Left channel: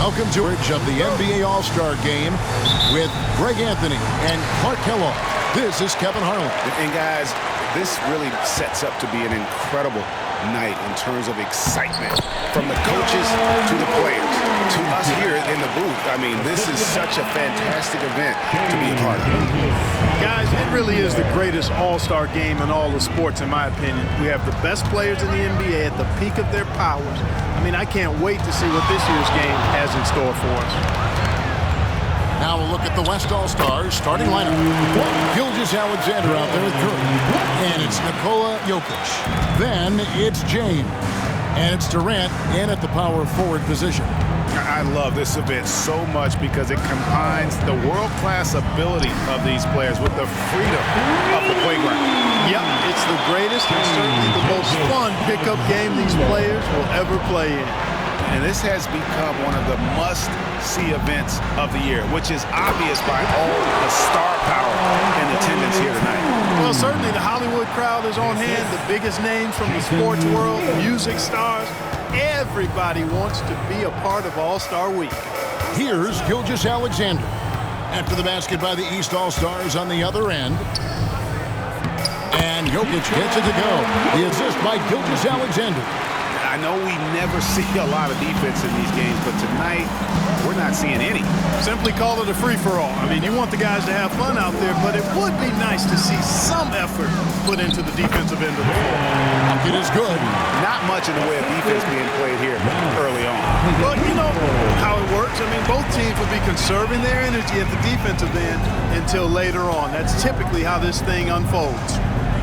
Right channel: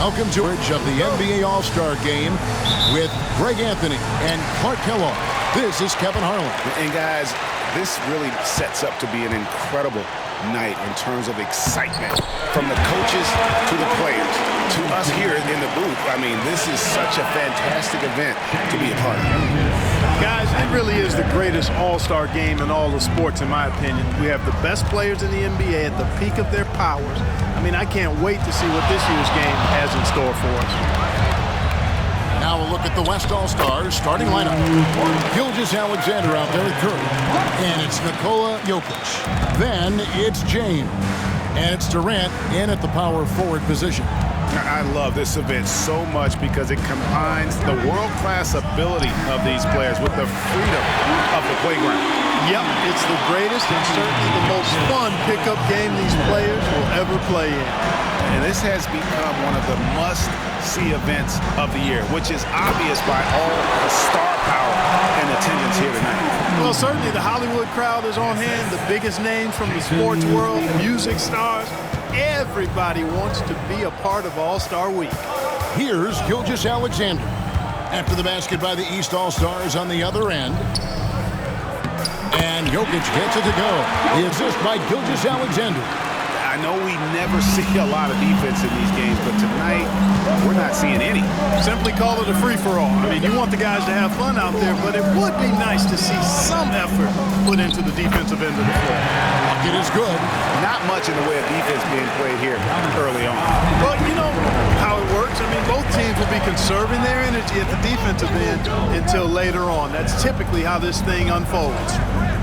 Welcome to the NBA All-Star Game with Greg Anthony and Clark Kellogg. This is Kevin Harlan. And guys, this really sets up to be an incredible night in terms of excitement from the coaches to the players to us here in the booth. I mean, this is such a fantastic event to be a part of. Guys, it really is the greatest all-star game in all the sports, in my opinion. We have the best players in the NBA at the peak of their powers. I mean, I can't wait to see what this year's game has in store for us. Now we'll look at the West All-Stars starting lineup. Gilgeous-Alexander out there with Curry. And it's Nikola Jokic. Then it's James. And it's Durant in at the power forward position. I love this event so much because it combines the world-class ability of these players with the freedom of the playground. Yep, it's the greatest and certainly the most fun pickup game these players will ever play in. And this has become one of the must-see events of the year, which is obvious by all the star power and attendance here tonight. Well, certainly the Hollywood crowd is on hand, the biggest names from the sports world, music stars. Everybody wants to be a part of All-Star Week. Here's Gilgeous-Alexander. After the basket by the East All-Stars on the other end. And Jokic gets it to go. The assist by Gilgeous-Alexander. I know we never see a lot of defense in these games, but tonight we're not seeing any. Simply call it a free-for-all. I mean, you want the guys to have fun out there, but it would be nice to see some effort put into the defensive end of the floor. Bucket is good. Not much in the way of defense being played here early on. Well, you know how it works. I mean, both teams will be conserving their energy at the defensive end until later on. That's typically how this thing unfolds.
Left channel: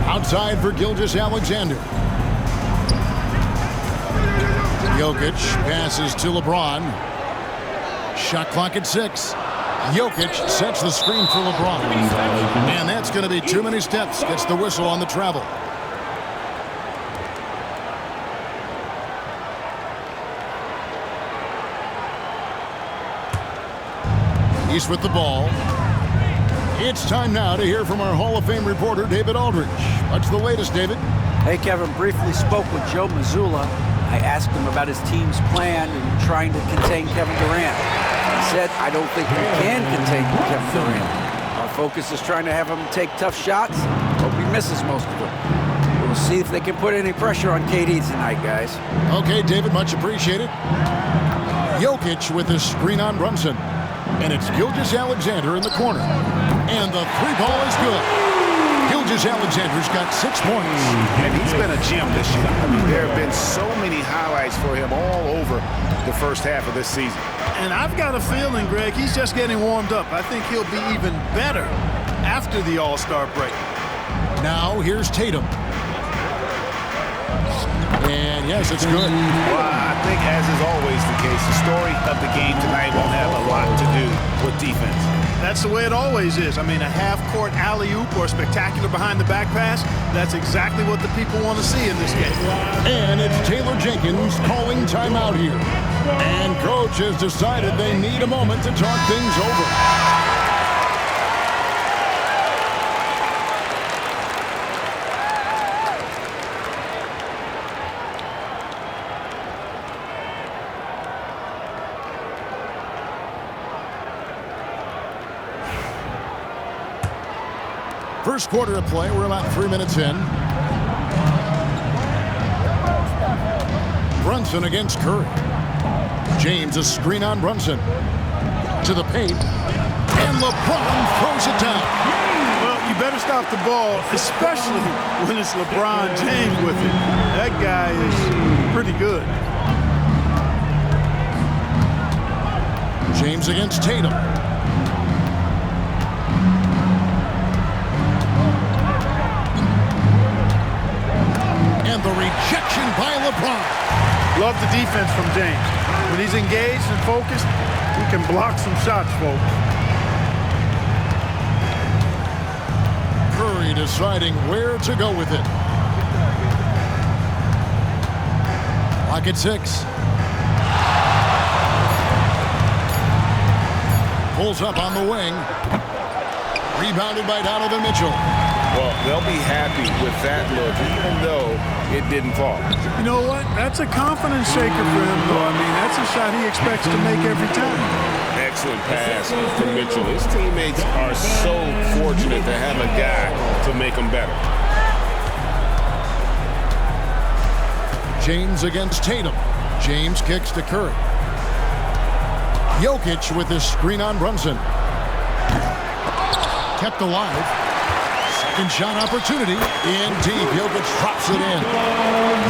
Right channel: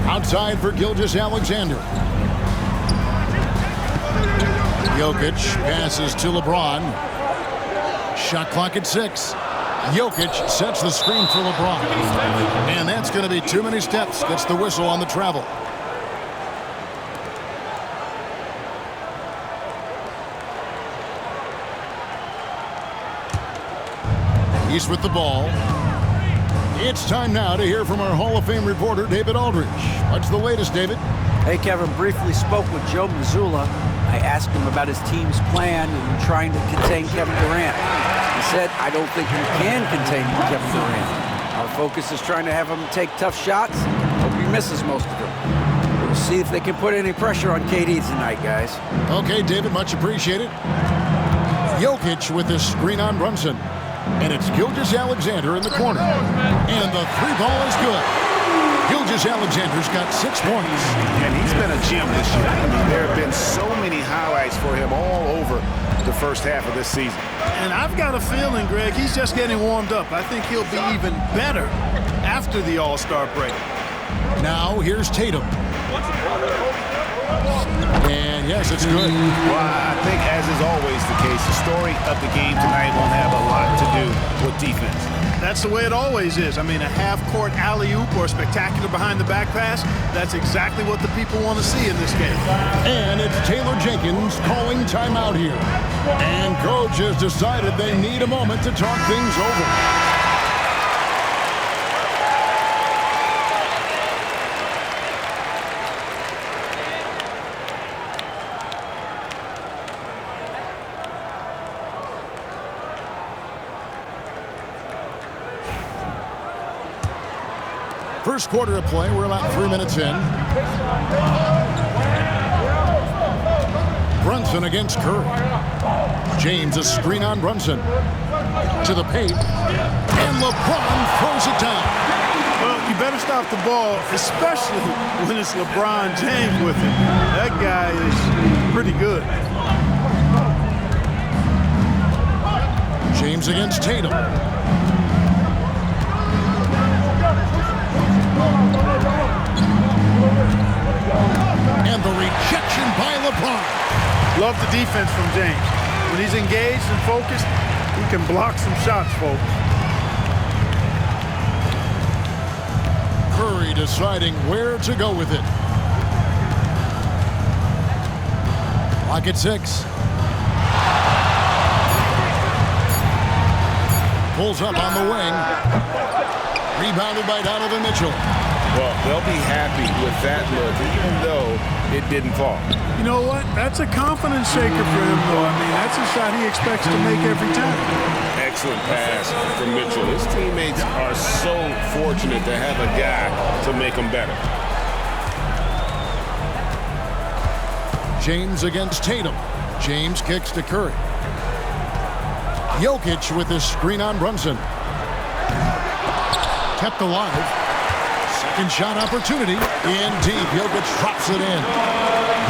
Outside for Gilgeous-Alexander. Jokic passes to LeBron. Shot clock at 6. Jokic sets the screen for LeBron. And that's going to be too many steps. Gets the whistle on the travel. He's with the ball. It's time now to hear from our Hall of Fame reporter, David Aldridge. What's the latest, David? Hey, Kevin. Briefly spoke with Joe Mazzulla. I asked him about his team's plan in trying to contain Kevin Durant. He said, I don't think we can contain Kevin Durant. Our focus is trying to have him take tough shots. Hope he misses most of them. We'll see if they can put any pressure on KD tonight, guys. Okay, David, much appreciated. Jokic with a screen on Brunson. And it's Gilgeous-Alexander in the corner. And the three ball is good. Gilgeous-Alexander's got 6 points. And he's been a gem this year. I mean, there have been so many highlights for him all over the first half of this season. And I've got a feeling, Greg, he's just getting warmed up. I think he'll be even better after the All-Star break. Now here's Tatum. And yes, it's good. Well, I think, as is always the case, the story of the game tonight won't have a lot to do with defense. That's the way it always is. I mean, a half-court alley-oop or a spectacular behind-the-back pass, that's exactly what the people want to see in this game. And it's Taylor Jenkins calling timeout here. And coach has decided they need a moment to talk things over. First quarter of play, we're about 3 minutes in. Brunson against Curry. James a screen on Brunson. To the paint. And LeBron throws it down. Well, you better stop the ball, especially when it's LeBron James with it. That guy is pretty good. James against Tatum. And the rejection by LeBron. Love the defense from James. When he's engaged and focused, he can block some shots, folks. Curry deciding where to go with it. Clock at 6. Pulls up on the wing. Rebounded by Donovan Mitchell. Well, they'll be happy with that look, even though it didn't fall. You know what? That's a confidence shaker for him, though. I mean, that's a shot he expects to make every time. Excellent pass from Mitchell. His teammates are so fortunate to have a guy to make them better. James against Tatum. James kicks to Curry. Jokic with his screen on Brunson. Kept alive. Second shot opportunity. In deep. Jokic drops it in.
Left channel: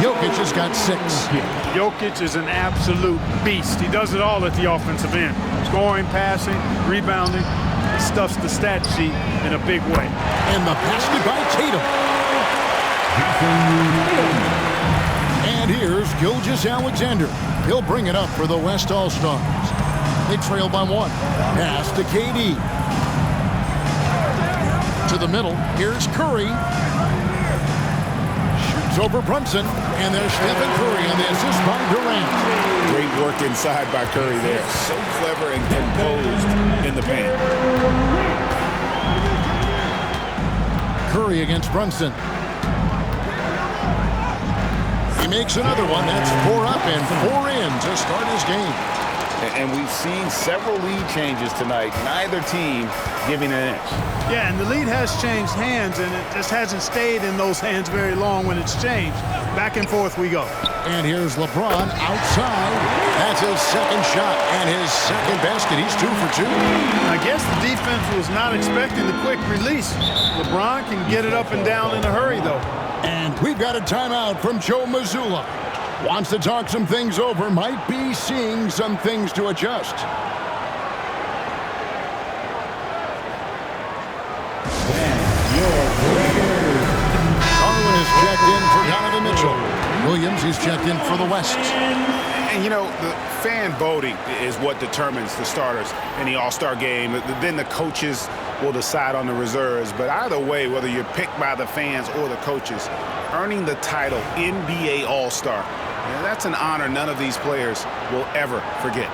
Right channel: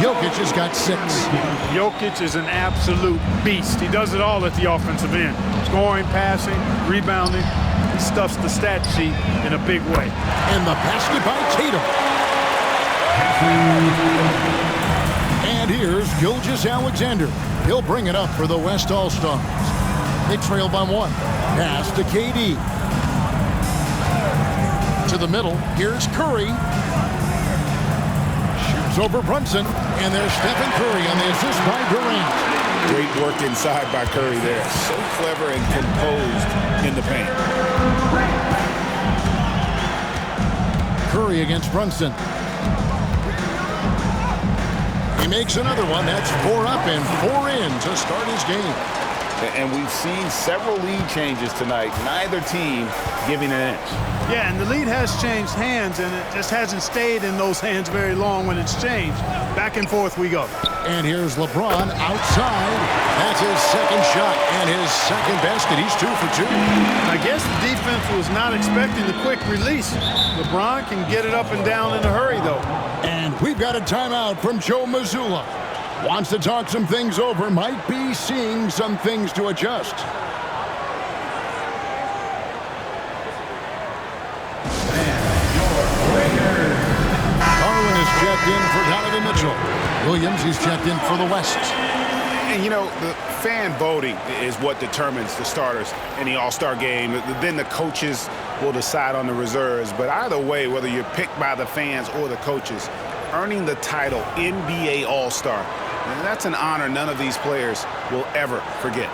Jokic has got 6. Jokic is an absolute beast. He does it all at the offensive end. Scoring, passing, rebounding. He stuffs the stat sheet in a big way. And the basket by Tatum. And here's Gilgeous-Alexander. He'll bring it up for the West All-Stars. They trail by 1. Pass to KD. To the middle. Here's Curry. Shoots over Brunson. And there's Stephen Curry on the assist by Durant. Great work inside by Curry there. So clever and composed in the paint. Curry against Brunson. He makes another one. That's 4 up and 4 in to start his game. And we've seen several lead changes tonight. Neither team giving an inch. Yeah, and the lead has changed hands, and it just hasn't stayed in those hands very long when it's changed. Back and forth we go. And here's LeBron outside. That's his second shot and his second basket. He's 2 for 2. I guess the defense was not expecting the quick release. LeBron can get it up and down in a hurry, though. And we've got a timeout from Joe Mazzulla. Wants to talk some things over. Might be seeing some things to adjust. Garland is checked in for Donovan Mitchell. Williams, he's checked in for the West. And, you know, the fan voting is what determines the starters in the All-Star game. Then the coaches will decide on the reserves. But either way, whether you're picked by the fans or the coaches, earning the title NBA All-Star, that's an honor none of these players will ever forget.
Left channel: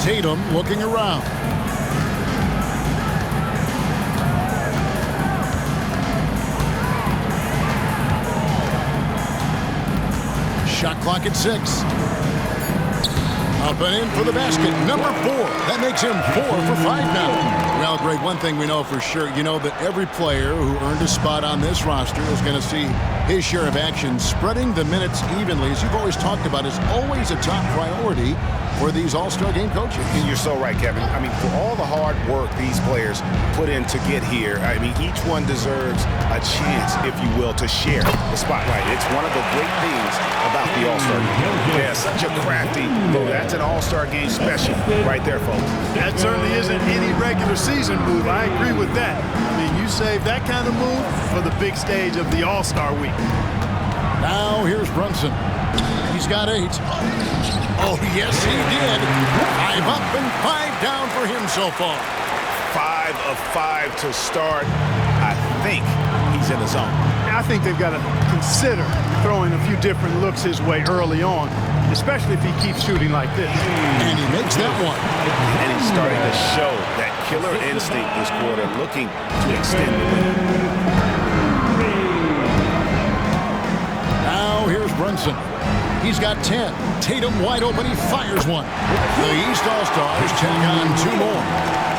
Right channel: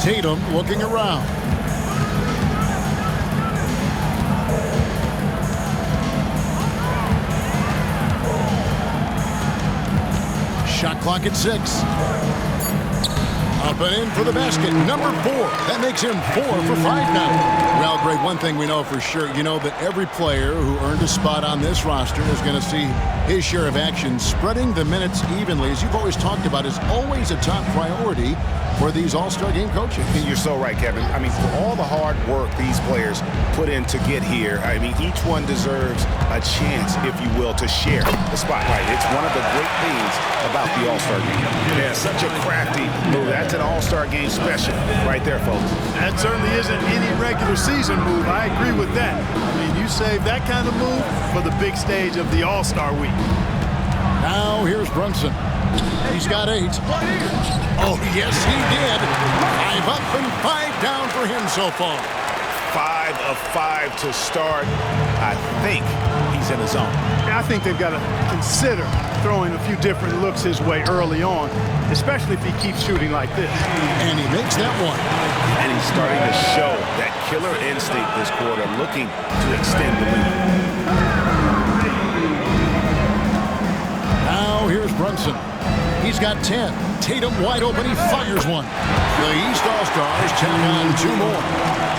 Tatum looking around. Shot clock at 6. Up and in for the basket. Number 4. That makes him 4 for 5 now. Well, Greg, one thing we know for sure, you know that every player who earned a spot on this roster is going to see his share of action. Spreading the minutes evenly, as you've always talked about, is always a top priority for these All-Star game coaches. And you're so right, Kevin. I mean, for all the hard work these players put in to get here, I mean, each one deserves a chance, if you will, to share the spotlight. It's one of the great things about the All-Star game. Yeah, such a crafty move. That's an All-Star game special right there, folks. That certainly isn't any regular season move. I agree with that. I mean, you save that kind of move for the big stage of the All-Star week. Now here's Brunson. He's got 8. Oh, yes, he did. 5 up and 5 down for him so far. 5 of 5 to start. I think he's in the zone. I think they've got to consider throwing a few different looks his way early on, especially if he keeps shooting like this. And he makes that one. And he's starting to show that killer instinct this quarter, looking to extend the lead. Now here's Brunson. He's got 10. Tatum wide open. He fires one. The East All-Stars check on 2 more.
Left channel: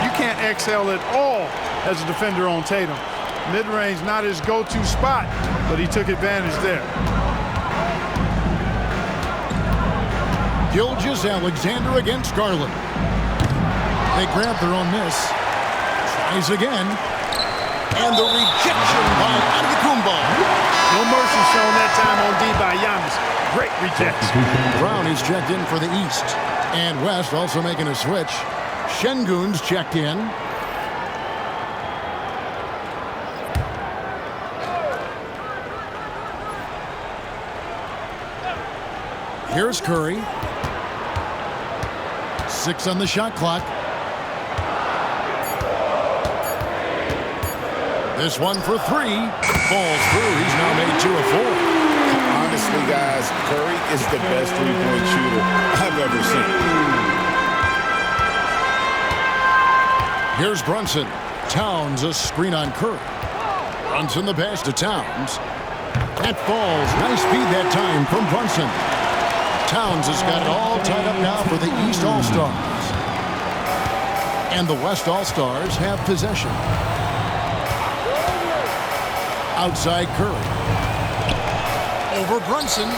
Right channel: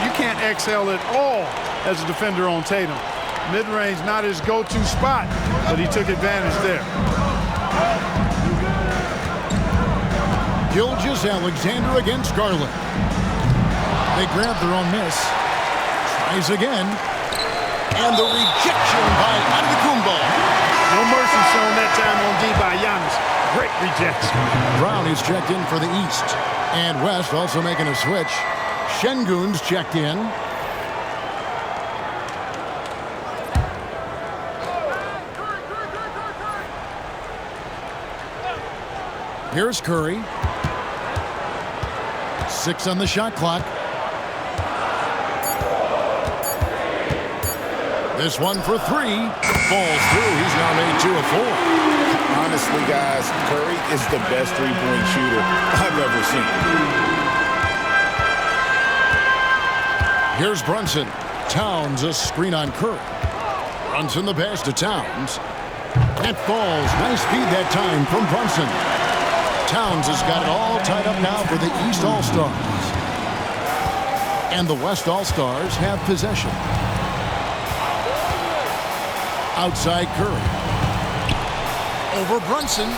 You can't excel at all as a defender on Tatum. Mid-range not his go-to spot, but he took advantage there. Gilgeous-Alexander against Garland. They grab their own miss. Tries again. And the rejection by Antetokounmpo. No mercy shown that time on D by Giannis. Great rejection. Brown is checked in for the East. And West also making a switch. Şengün's checked in. Here's Curry. 6 on the shot clock. This one for 3. Falls through. He's now made 2 of 4. Honestly, guys, Curry is the best three-point shooter I've ever seen. Here's Brunson. Towns a screen on Curry. Brunson the pass to Towns. That falls. Nice feed that time from Brunson. Towns has got it all tied up now for the East All-Stars. And the West All-Stars have possession. Outside Curry. Over Brunson.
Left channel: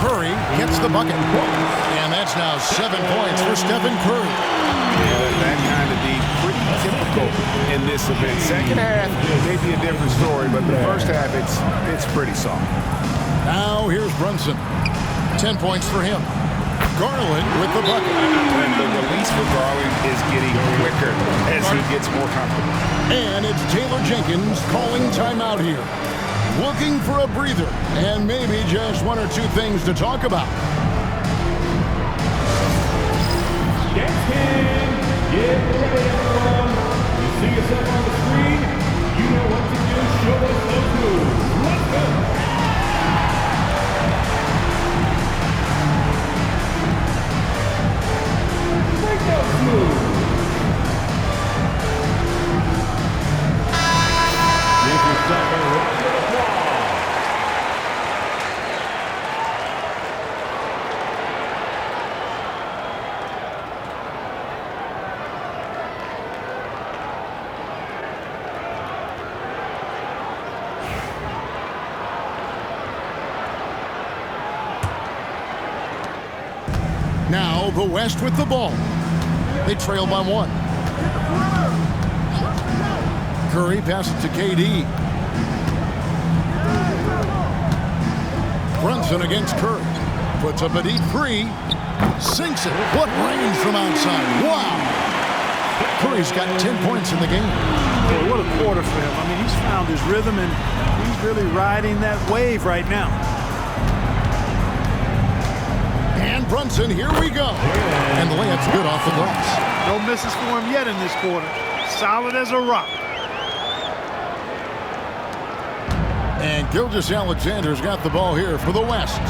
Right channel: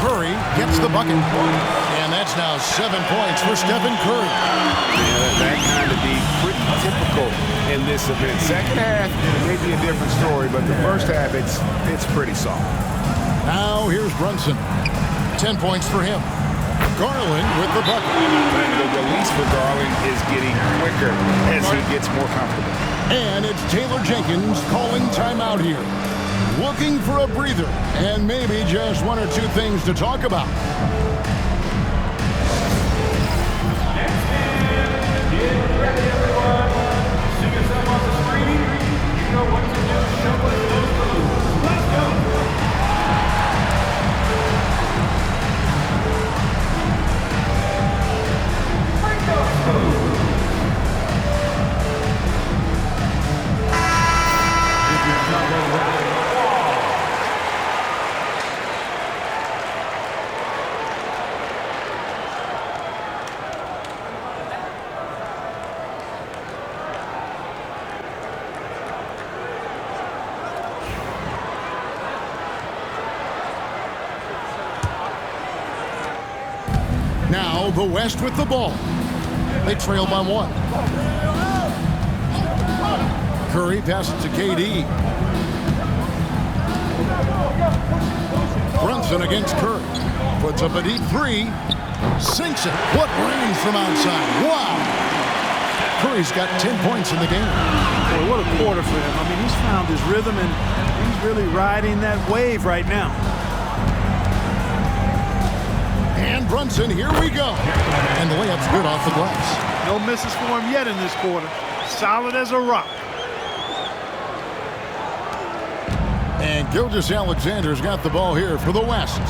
Curry gets the bucket. And that's now 7 points for Stephen Curry. Yeah, that kind of deep, pretty typical in this event. Second half may be a different story, but the first half, it's pretty soft. Now here's Brunson. 10 points for him. Garland with the bucket. And the release for Garland is getting quicker as he gets more comfortable. And it's Taylor Jenkins calling timeout here. Looking for a breather and maybe just one or two things to talk about. Get ready, everyone. You see yourself on the screen. You know what to do. Show us those moves. Let's go. Break those moves. Give yourself a round of applause. Now the West with the ball. They trail by 1. Curry passes to KD. Brunson against Curry. Puts up a deep 3. Sinks it. What range from outside. Wow. Curry's got 10 points in the game. Boy, what a quarter for him. I mean, he's found his rhythm, and he's really riding that wave right now. And Brunson, here we go. And the layup's good off the glass. No misses for him yet in this quarter. Solid as a rock. And Gilgeous-Alexander's got the ball here for the West.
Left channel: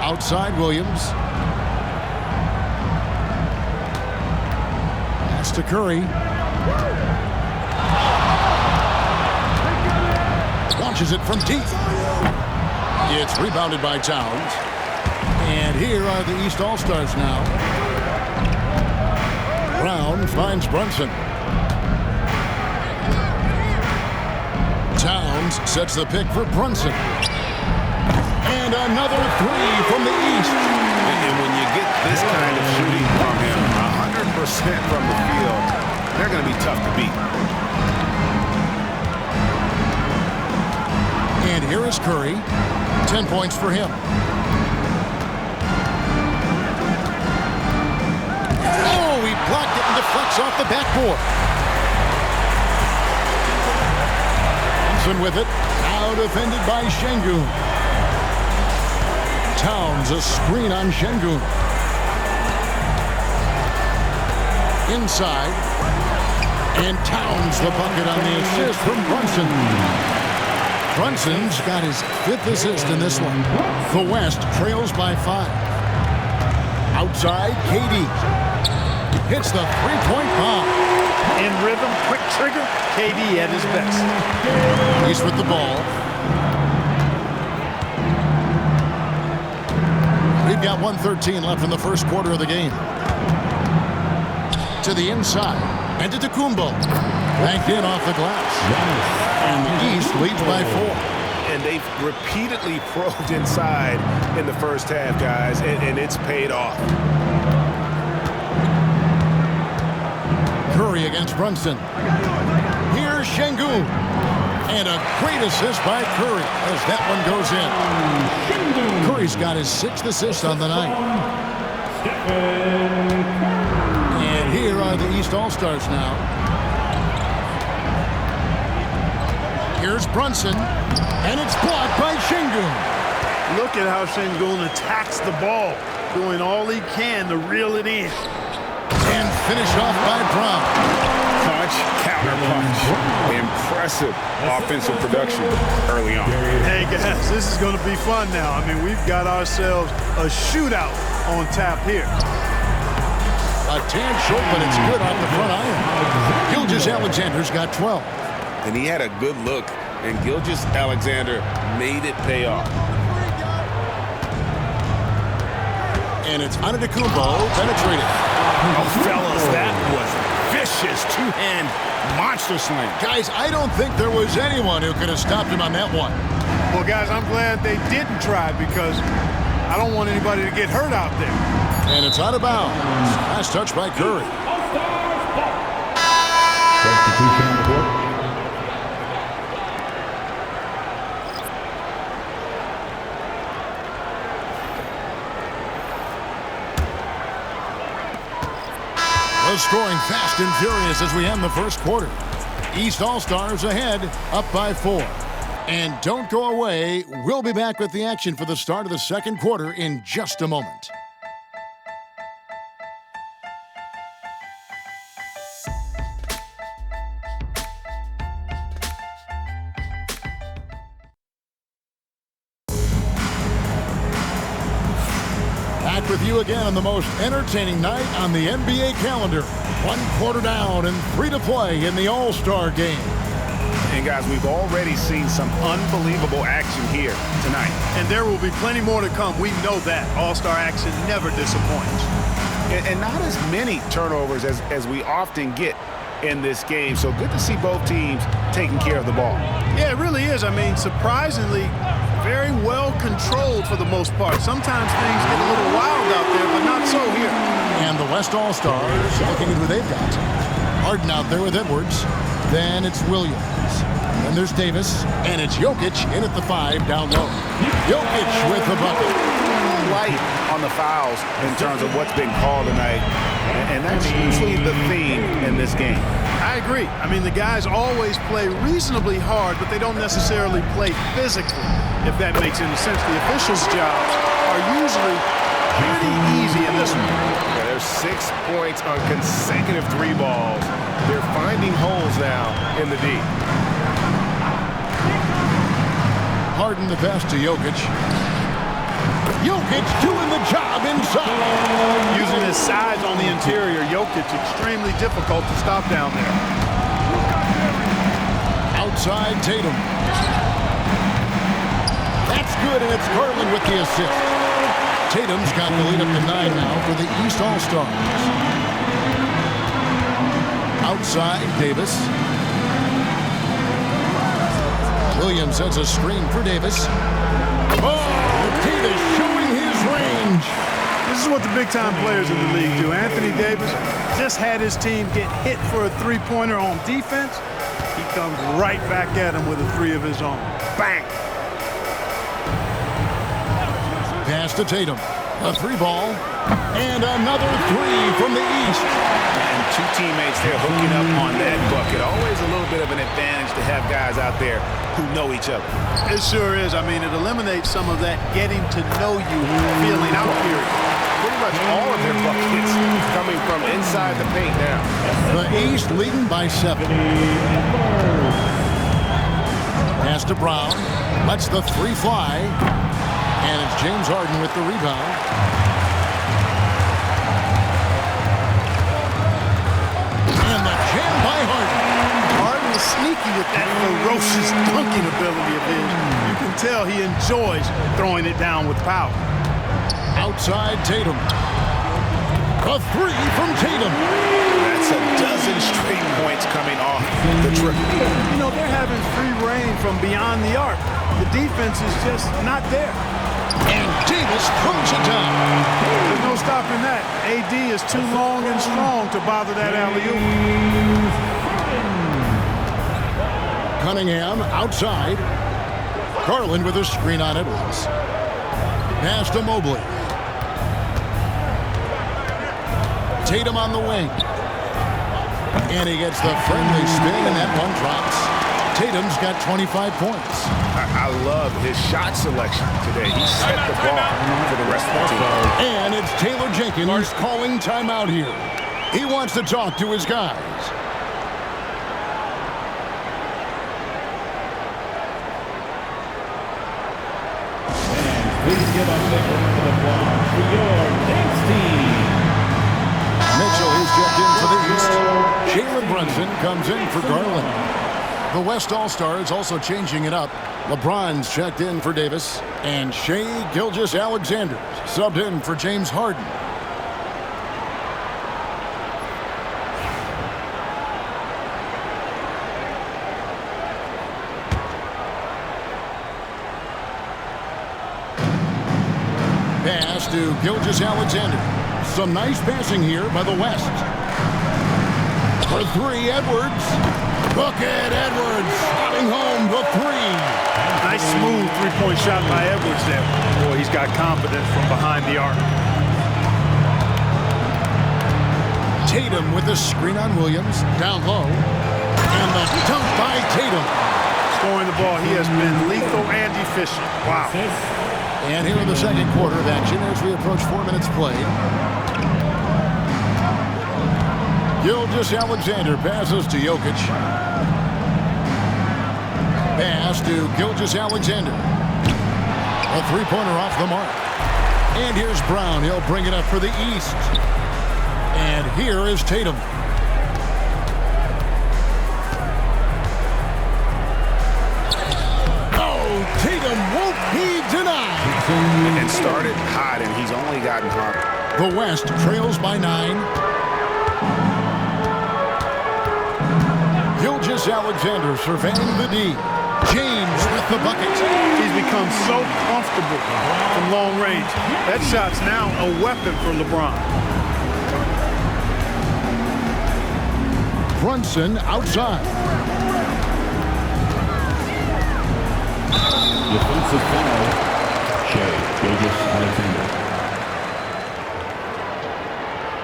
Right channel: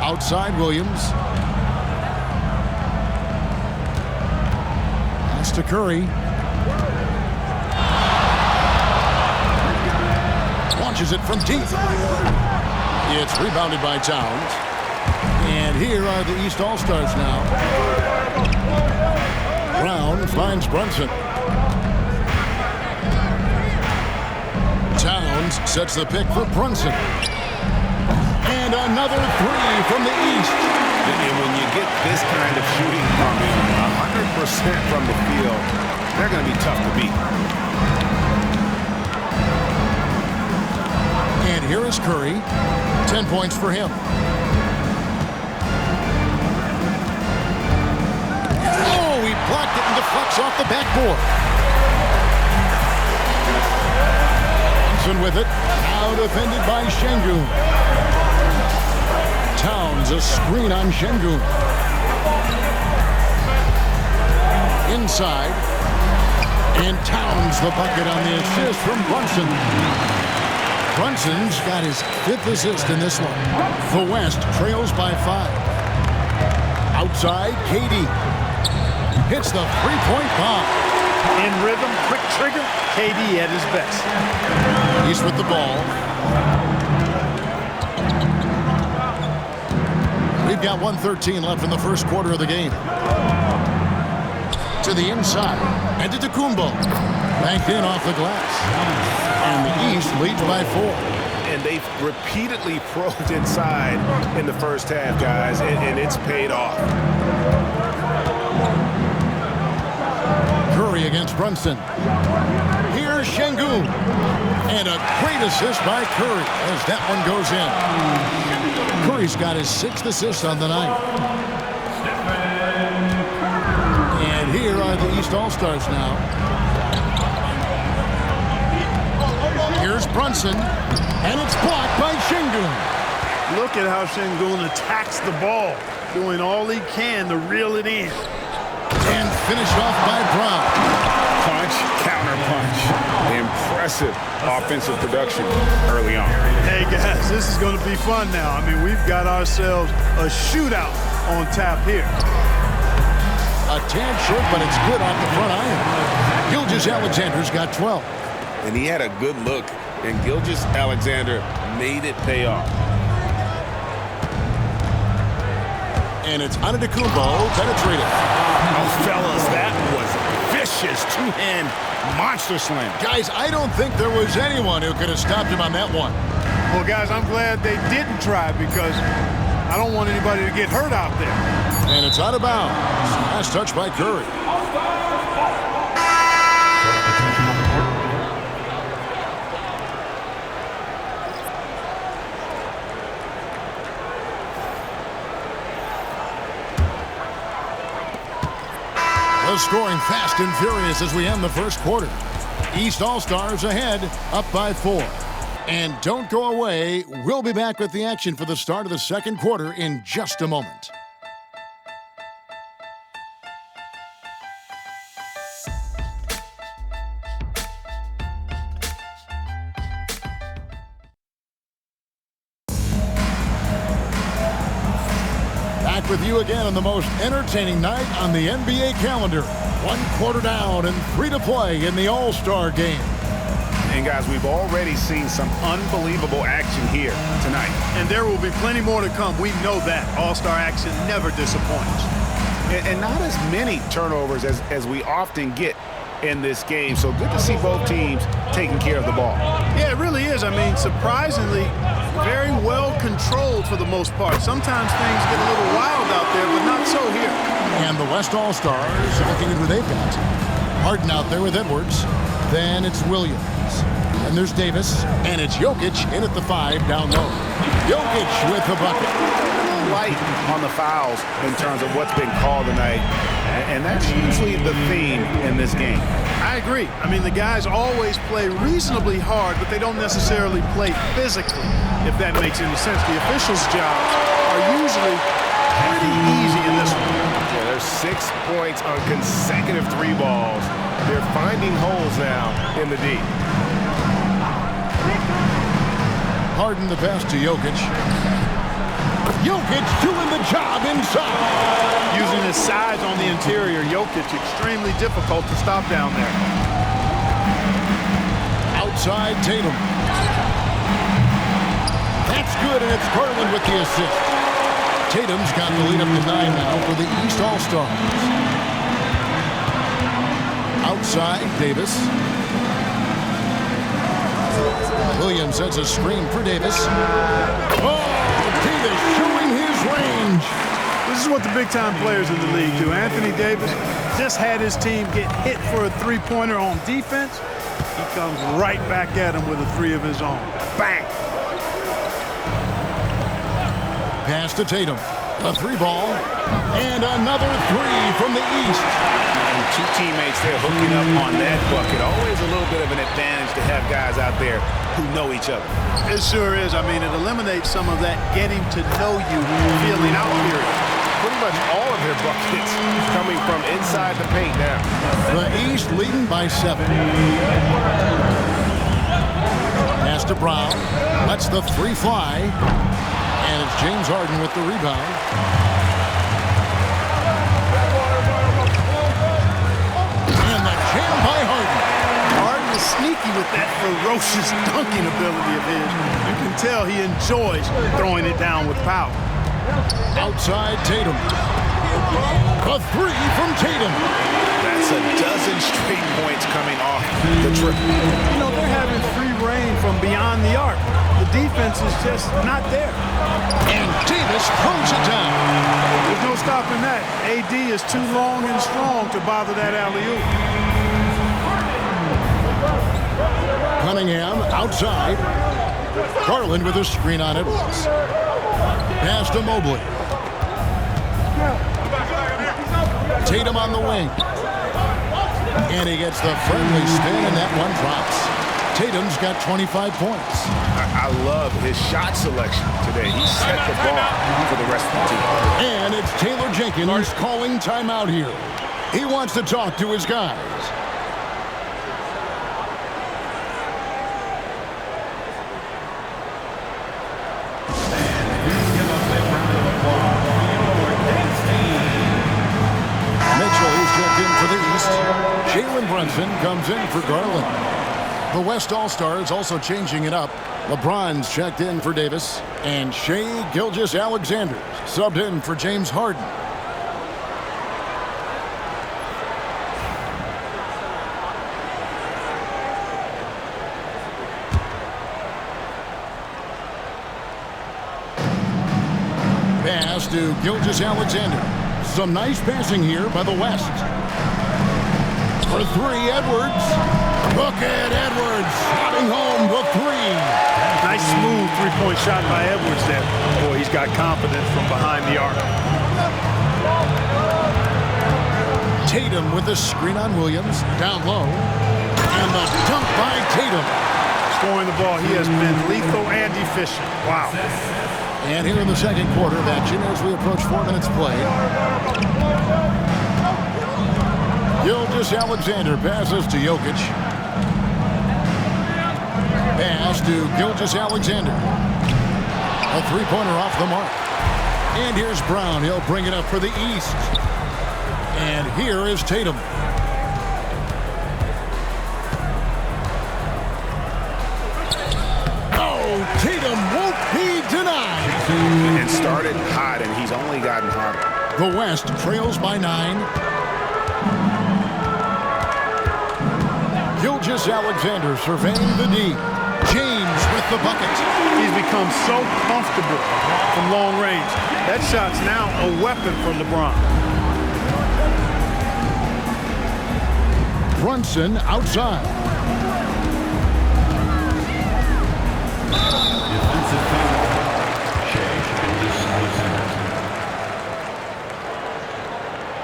Outside Williams. Pass to Curry. Launches it from deep. It's rebounded by Towns. And here are the East All-Stars now. Brown finds Brunson. Towns sets the pick for Brunson. And another 3 from the East. And when you get this kind of shooting from him, 100% from the field, they're going to be tough to beat. And here is Curry. 10 points for him. Oh, he blocked it and deflects off the backboard. Brunson with it. Now defended by Şengün. Towns a screen on Şengün. Inside. And Towns the bucket on the assist from Brunson. Brunson's got his 5th assist in this one. The West trails by 5. Outside, KD. Hits the 3-point bomb. In rhythm, quick trigger, KD at his best. East with the ball. We've got 1:13 left in the first quarter of the game. To the inside. And to Tecumbo. Banked in off the glass. And the East leads by 4. And they've repeatedly probed inside in the first half, guys, and it's paid off. Curry against Brunson. Here's Şengün. And a great assist by Curry as that one goes in. Curry's got his 6th assist on the night. And here are the East All-Stars now. Here's Brunson. And it's blocked by Şengün. Look at how Şengün attacks the ball, doing all he can to reel it in. And finished off by Brown. Punch, counter punch. Impressive offensive production early on. Hey, guys, this is going to be fun now. I mean, we've got ourselves a shootout on tap here. A tad short, but it's good off the front iron. Gilgeous-Alexander's got 12. And he had a good look, and Gilgeous-Alexander made it pay off. And it's Antetokounmpo penetrating. Oh, fellas, that was a vicious two-hand monster slam. Guys, I don't think there was anyone who could have stopped him on that one. Well, guys, I'm glad they didn't try because I don't want anybody to get hurt out there. And it's out of bounds. Last touch by Curry. All-Stars ball. Substitution on the court. The scoring fast and furious as we end the first quarter. East All-Stars ahead, up by 4. And don't go away. We'll be back with the action for the start of the second quarter in just a moment. Back with you again on the most entertaining night on the NBA calendar. 1 quarter down and 3 to play in the All-Star game. And guys, we've already seen some unbelievable action here tonight. And there will be plenty more to come. We know that. All-Star action never disappoints. And not as many turnovers as we often get in this game. So good to see both teams taking care of the ball. Yeah, it really is. I mean, surprisingly, very well controlled for the most part. Sometimes things get a little wild out there, but not so here. And the West All-Stars looking at who they've got. Harden out there with Edwards. Then it's Williams. Then there's Davis. And it's Jokic in at the 5 down low. Jokic with the bucket. A little light on the fouls in terms of what's been called tonight. And that's usually the theme in this game. I agree. I mean, the guys always play reasonably hard, but they don't necessarily play physically, if that makes any sense. The officials' jobs are usually pretty easy in this one. Yeah, there's 6 points on consecutive 3 balls. They're finding holes now in the D. Harden the pass to Jokic. Jokic doing the job inside. Using his size on the interior, Jokic extremely difficult to stop down there. Outside Tatum. That's good, and it's Garland with the assist. Tatum's got the lead up to 9 now for the East All-Stars. Outside Davis. Williams sends a screen for Davis. Oh, Davis showing his range. This is what the big-time players in the league do. Anthony Davis just had his team get hit for a three-pointer on defense. He comes right back at him with a 3 of his own. Bang! Pass to Tatum. A 3 ball. And another 3 from the East. And 2 teammates there hooking up on that bucket. Always a little bit of an advantage to have guys out there who know each other. It sure is. I mean, it eliminates some of that getting to know you feeling out period. Pretty much all of their buckets coming from inside the paint now. The East leading by 7. Pass to Brown. Lets the 3 fly. And it's James Harden with the rebound. And the jam by Harden. Harden is sneaky with that ferocious dunking ability of his. You can tell he enjoys throwing it down with power. Outside Tatum. A 3 from Tatum. That's a dozen straight points coming off the triple. You know, they're having free reign from beyond the arc. The defense is just not there. And Davis throws it down. There's no stopping that. AD is too long and strong to bother that alley-oop. Cunningham outside. Garland with a screen on Edwards. Pass to Mobley. Tatum on the wing. And he gets the friendly spin, and that one drops. Tatum's got 25 points. I love his shot selection today. He set the bar for the rest of the team. And it's Taylor Jenkins calling timeout here. He wants to talk to his guys. Please give us a round of applause for your dance team. Mitchell, he's checked in for the East. Jalen Brunson comes in for Garland. The West All-Stars also changing it up. LeBron's checked in for Davis. And Shai Gilgeous-Alexander subbed in for James Harden. Pass to Gilgeous-Alexander. Some nice passing here by the West. For three, Edwards. Bucket, Edwards slotting home the three. Nice smooth three-point shot by Edwards there. Boy, he's got confidence from behind the arc. Tatum with the screen on Williams. Down low. And the dunk by Tatum. Scoring the ball, he has been lethal and efficient. Wow. And here in the second quarter of action as we approach 4 minutes played. Gilgeous-Alexander passes to Jokic. Pass to Gilgeous-Alexander. A three-pointer off the mark. And here's Brown. He'll bring it up for the East. And here is Tatum. Oh, Tatum won't be denied. And started hot, and he's only gotten hotter. The West trails by 9. Gilgeous-Alexander surveying the D. James with the bucket. He's become so comfortable from long range. That shot's now a weapon for LeBron. Brunson outside. Defensive foul. Shai Gilgeous-Alexander.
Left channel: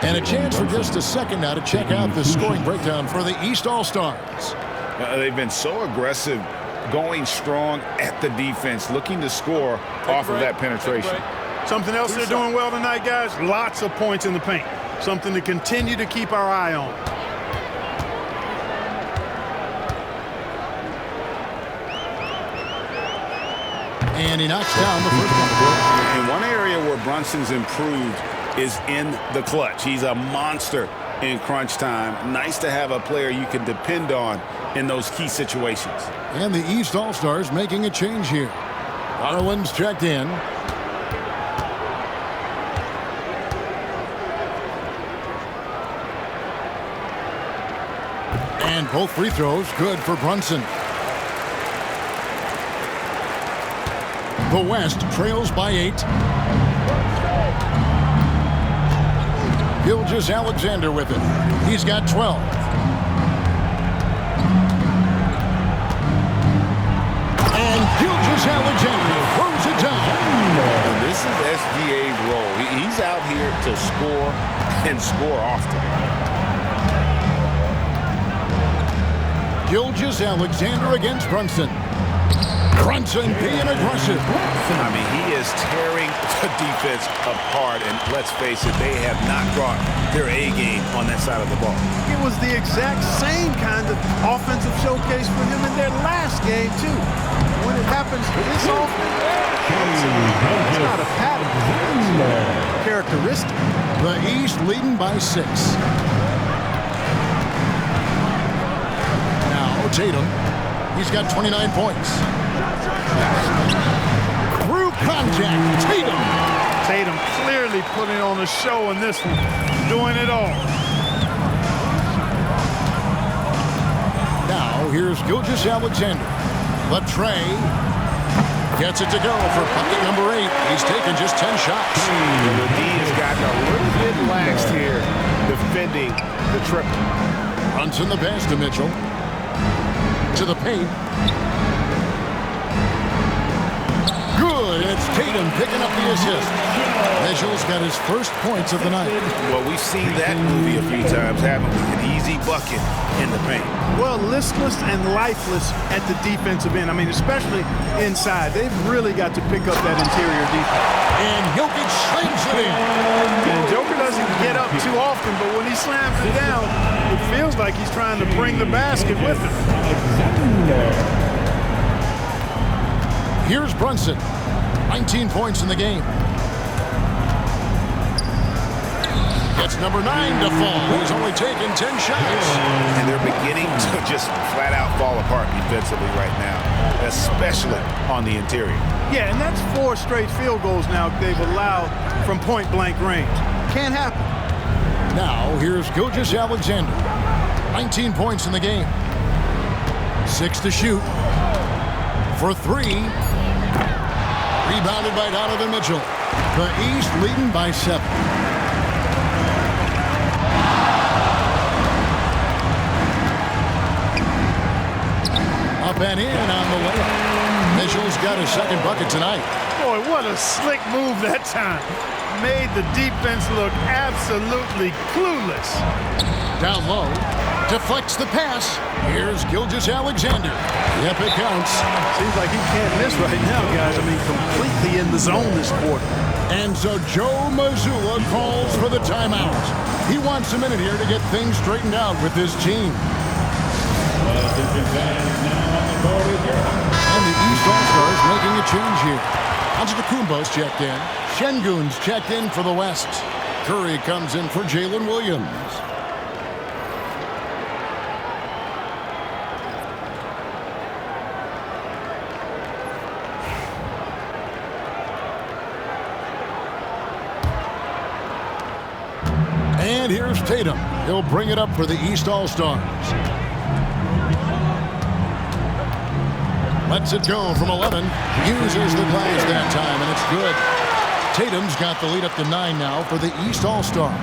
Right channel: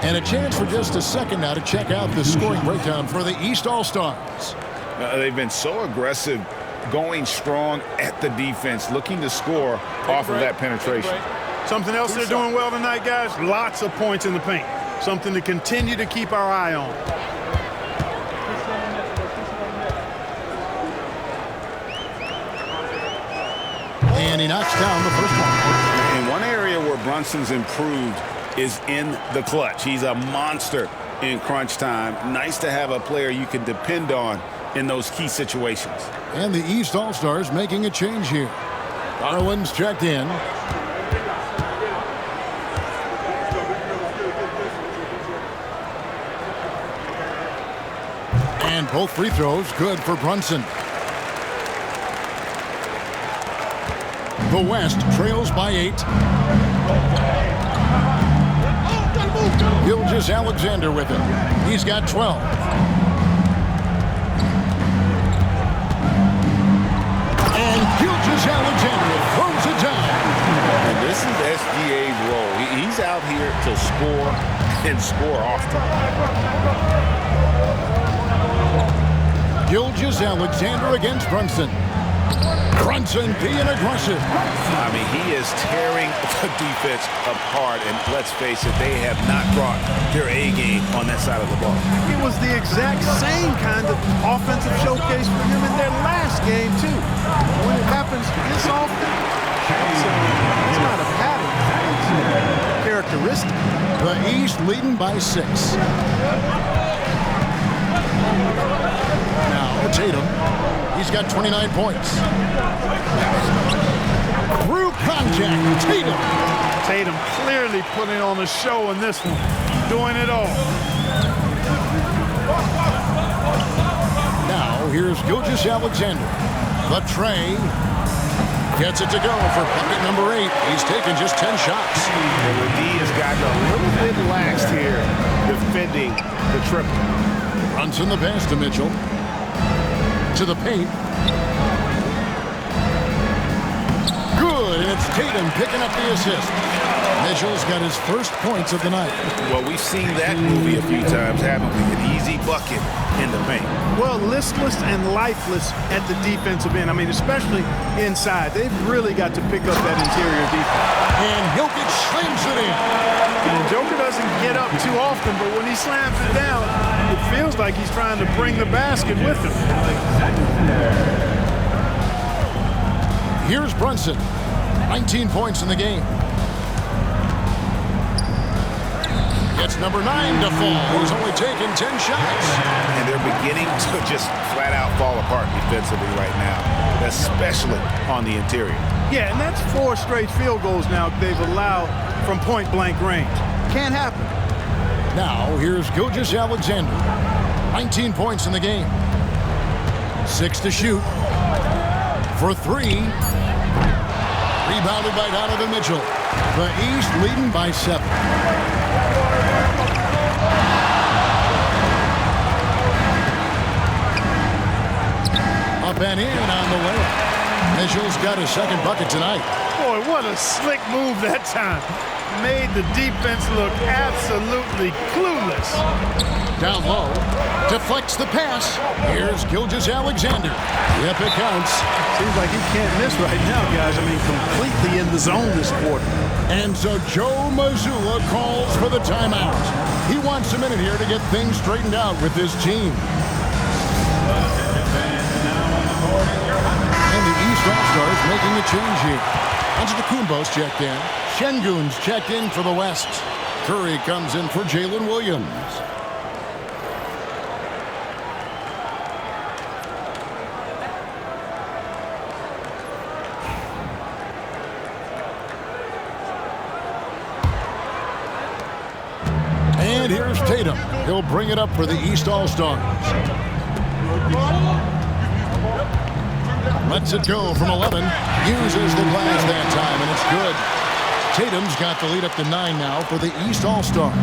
And a chance for just a second now to check out the scoring breakdown for the East All-Stars. They've been so aggressive, going strong at the defense, looking to score off of that penetration. Something else they're doing well tonight, guys, lots of points in the paint. Something to continue to keep our eye on. And he knocks down the first one. And one area where Brunson's improved is in the clutch. He's a monster in crunch time. Nice to have a player you can depend on in those key situations. And the East All-Stars making a change here. Garland's checked in. And both free throws good for Brunson. The West trails by 8. Gilgeous-Alexander with it. He's got 12. And Gilgeous-Alexander throws it down. And this is SGA's role. He's out here to score and score often. Gilgeous-Alexander against Brunson. Brunson being aggressive. I mean, he is tearing the defense apart, and let's face it, they have not brought their A game on that side of the ball. It was the exact same kind of offensive showcase for him in their last game, too. When it happens this often, that's not a pattern. That's a characteristic. The East leading by 6. Now Tatum. He's got 29 points. Through contact, Tatum. Tatum clearly putting on a show in this one, doing it all. Now here's Gilgeous-Alexander. The tray. Gets it to go for bucket number 8. He's taken just 10 shots. Well, the D has gotten a little bit laxed here defending the triple. Brunson the pass to Mitchell. To the paint. Good, and it's Tatum picking up the assist. Mitchell's got his first points of the night. Well, we've seen that movie a few times, haven't we? An easy bucket in the paint. Well, listless and lifeless at the defensive end. I mean, especially inside. They've really got to pick up that interior defense. And Jokic slams it in. And Joker doesn't get up too often, but when he slams it down, it feels like he's trying to bring the basket with him. Here's Brunson. 19 points in the game. Gets number 9 to fall. He's only taken 10 shots. And they're beginning to just flat out fall apart defensively right now, especially on the interior. Yeah, and that's 4 straight field goals now they've allowed from point-blank range. Can't happen. Now, here's Gilgeous-Alexander. 19 points in the game. 6 to shoot. For 3. Rebounded by Donovan Mitchell. The East leading by 7. Up and in on the layup. Mitchell's got his second bucket tonight. Boy, what a slick move that time. Made the defense look absolutely clueless. Down low. Deflects the pass. Here's Gilgeous-Alexander. Yep, it counts. Seems like he can't miss right now, guys. I mean, completely in the zone this quarter. And so Joe Mazzulla calls for the timeout. He wants a minute here to get things straightened out with his team. And the East All-Stars making a change here. Antetokounmpo's checked in. Şengün's checked in for the West. Curry comes in for Jalen Williams. And here's Tatum. He'll bring it up for the East All-Stars. Lets it go from 11. Uses the glass that time, and it's good. Tatum's got the lead up to 9 now for the East All-Stars.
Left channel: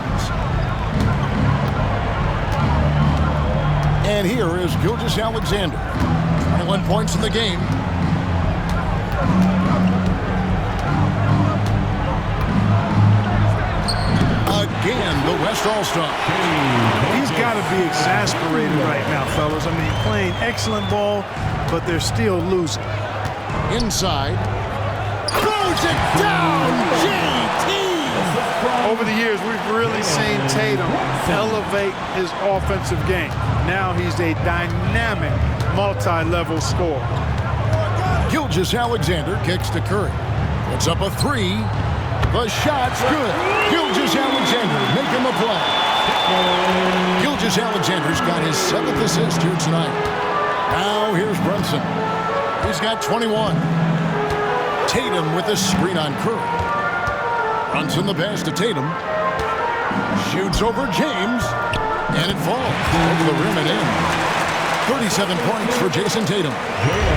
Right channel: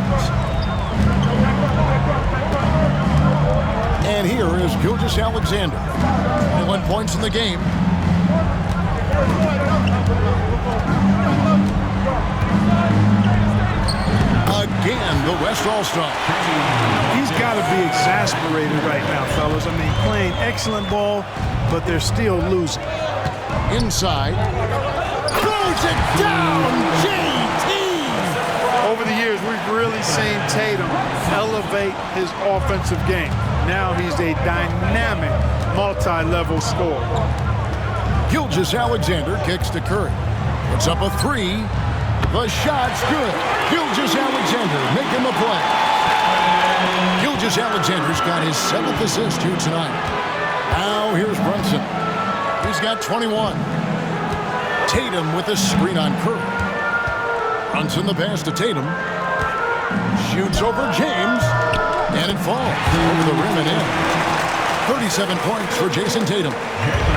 And here is Gilgeous-Alexander. 21 points in the game. Again, the West All-Star. He's got to be exasperated right now, fellas. I mean, playing excellent ball, but they're still losing. Inside. Throws it down, JT! Over the years, we've really seen Tatum elevate his offensive game. Now he's a dynamic, multi-level scorer. Gilgeous-Alexander kicks to Curry. Puts up a 3. The shot's good. Gilgeous-Alexander making the play. Gilgeous-Alexander's got his 7th assist here tonight. Now here's Brunson. He's got 21. Tatum with a screen on Curry. Brunson the pass to Tatum. Shoots over James. And it falls over the rim and in. 37 points for Jason Tatum.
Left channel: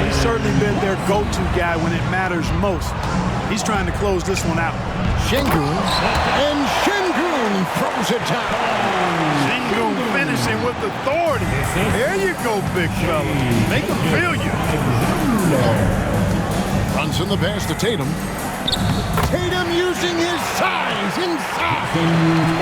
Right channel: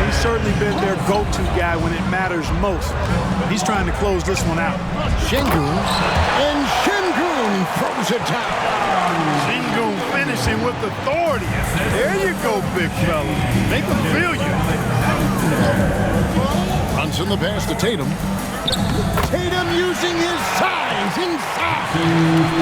He's certainly been their go-to guy when it matters most. He's trying to close this one out. Şengün, and Şengün throws it down. Şengün finishing with authority. There you go, big fella. Make him feel you. Brunson the pass to Tatum. Tatum using his size inside.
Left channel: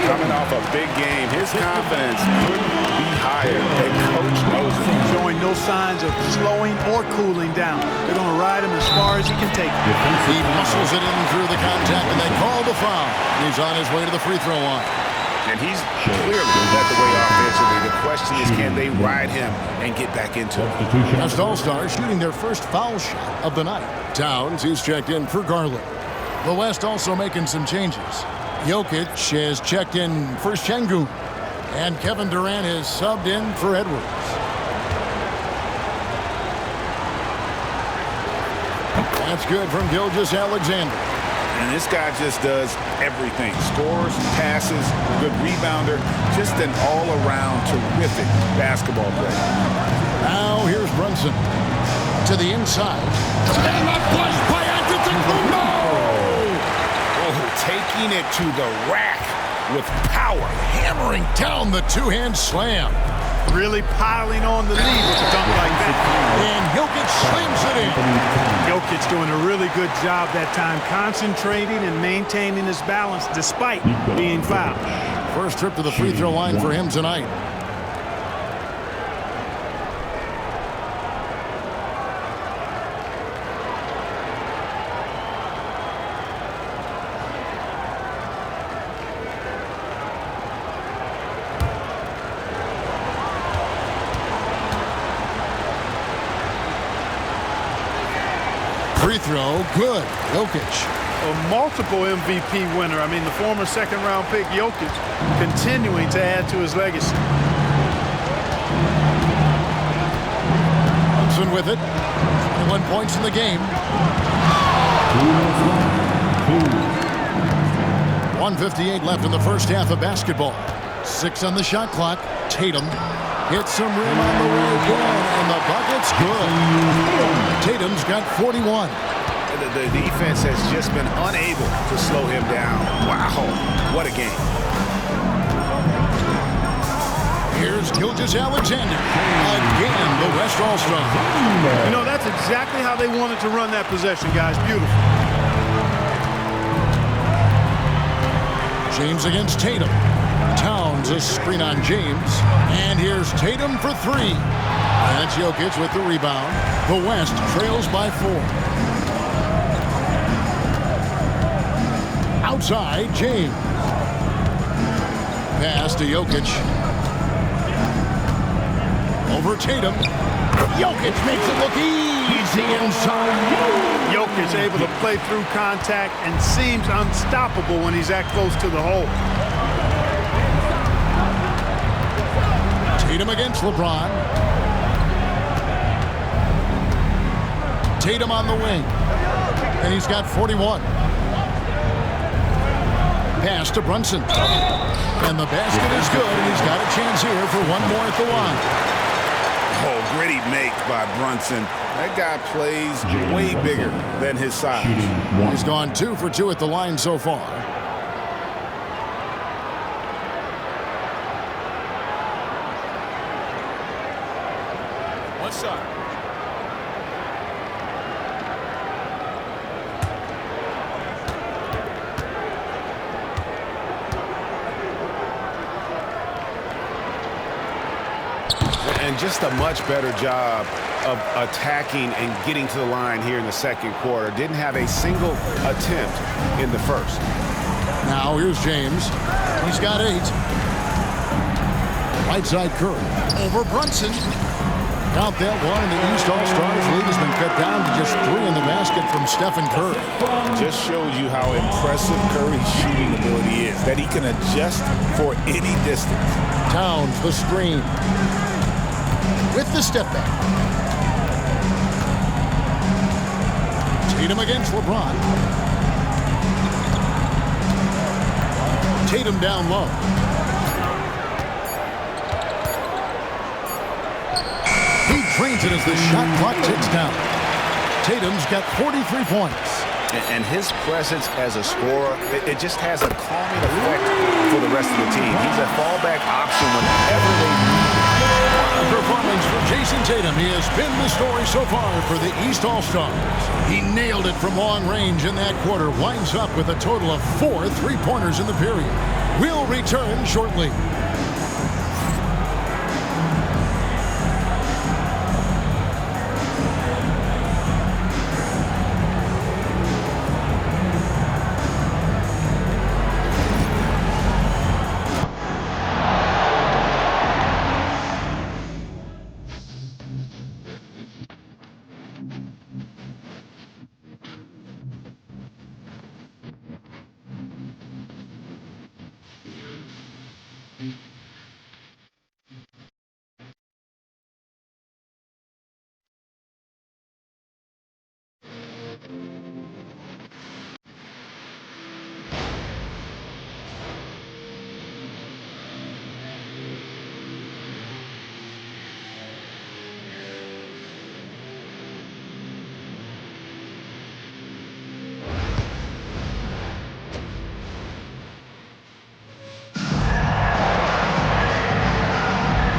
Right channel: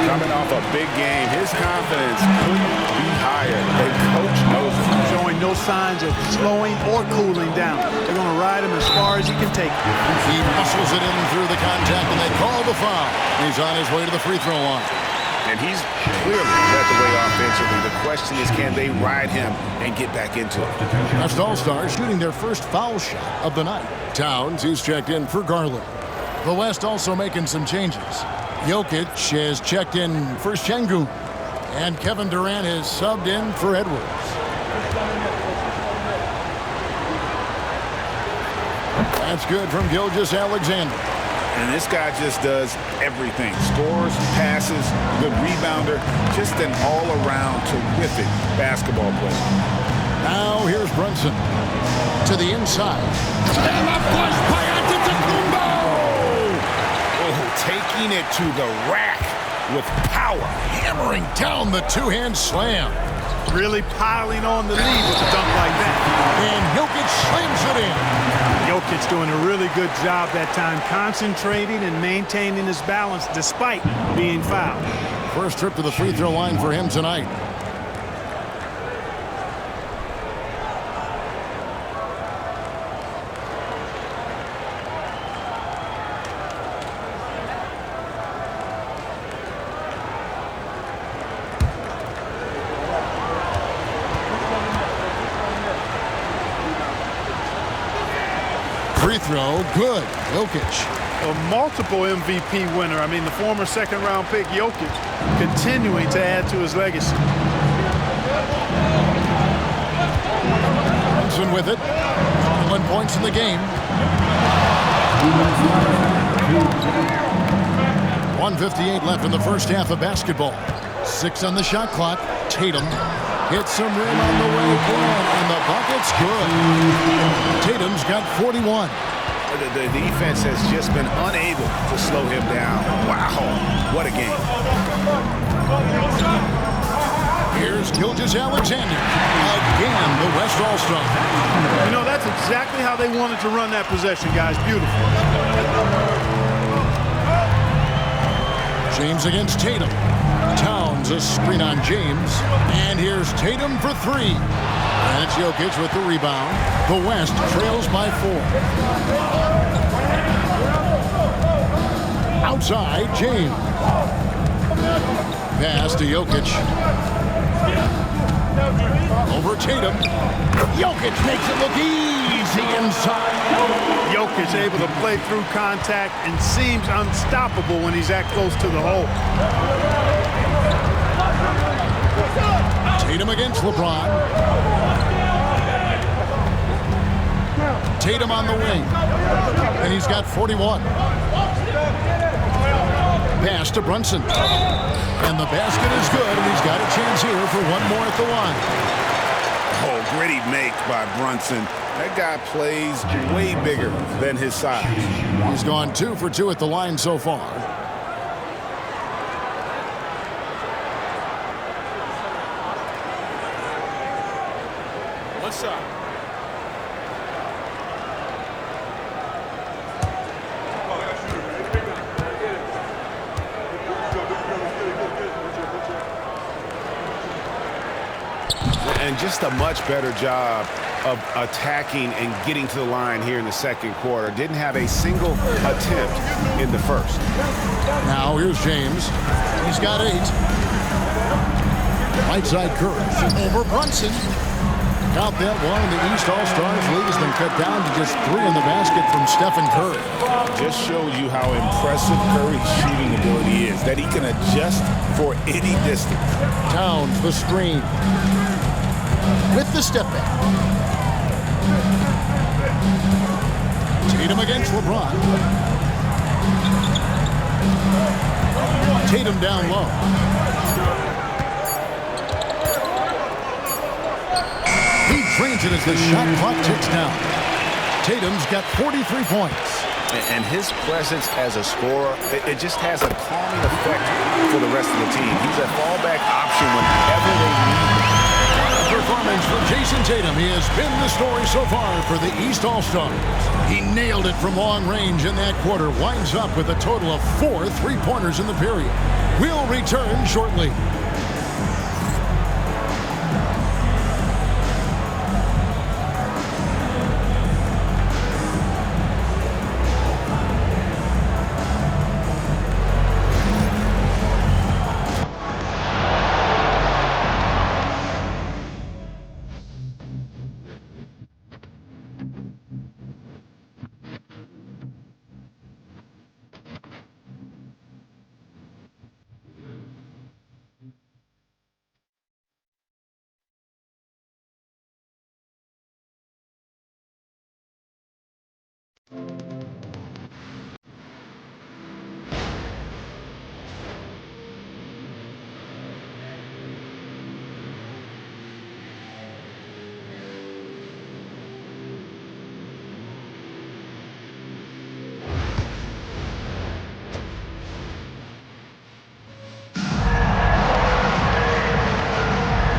Coming off a big game, his confidence couldn't be higher. The coach knows it. Showing no signs of slowing or cooling down. They're going to ride him as far as he can take it. He muscles it in through the contact, and they call the foul. He's on his way to the free throw line. And he's clearly led the way offensively. The question is, can they ride him and get back into it? West All-Stars shooting their first foul shot of the night. Towns, he's checked in for Garland. The West also making some changes. Jokic has checked in for Şengün. And Kevin Durant has subbed in for Edwards. That's good from Gilgeous-Alexander. And this guy just does everything. Scores, passes, good rebounder. Just an all-around terrific basketball player. Now here's Brunson. To the inside. And a flush by Antetokounmpo! Oh, taking it to the rack with power. Hammering down the two-hand slam. Really piling on the lead with a dunk like that. And Jokic slams it in. Jokic doing a really good job that time, concentrating and maintaining his balance despite being fouled. First trip to the free throw line for him tonight. Free throw, good. Jokic. a multiple MVP winner. I mean, the former second-round pick, Jokic, continuing to add to his legacy. Brunson with it. 21 points in the game. 1:58 left in the first half of basketball. 6 on the shot clock. Tatum hits some rim on the way in, and the bucket's good. Tatum's got 41. The defense has just been unable to slow him down. Wow, what a game. Here's Gilgeous-Alexander. Again, the West All-Star. You know, that's exactly how they wanted to run that possession, guys. Beautiful. James against Tatum. Towns a screen on James. And here's Tatum for 3. And it's Jokic with the rebound. The West trails by 4. Outside, James. Pass to Jokic. Over Tatum. Jokic makes it look easy inside. Jokic able to play through contact and seems unstoppable when he's that close to the hole. Tatum against LeBron. Tatum on the wing. And he's got 41. Pass to Brunson. And the basket is good, and he's got a chance here for one more at the line. Oh, gritty make by Brunson. That guy plays way bigger than his size. He's gone 2 for 2 at the line so far. One shot. And just a much better job of attacking and getting to the line here in the second quarter. Didn't have a single attempt in the first. Now here's James. He's got 8. Right side Curry. Over Brunson. Count that one. The East All-Stars lead has been cut down to just 3 in the basket from Stephen Curry. Just shows you how impressive Curry's shooting ability is, that he can adjust for any distance. Towns the screen. With the step back. Tatum against LeBron. Tatum down low. He drains it as the shot clock ticks down. Tatum's got 43 points. And his presence as a scorer, it just has a calming effect for the rest of the team. He's a fallback option whenever they need him. Performance for Jason Tatum. He has been the story so far for the East All-Stars. He nailed it from long range in that quarter. Winds up with a total of 4 3-pointers in the period. We'll return shortly.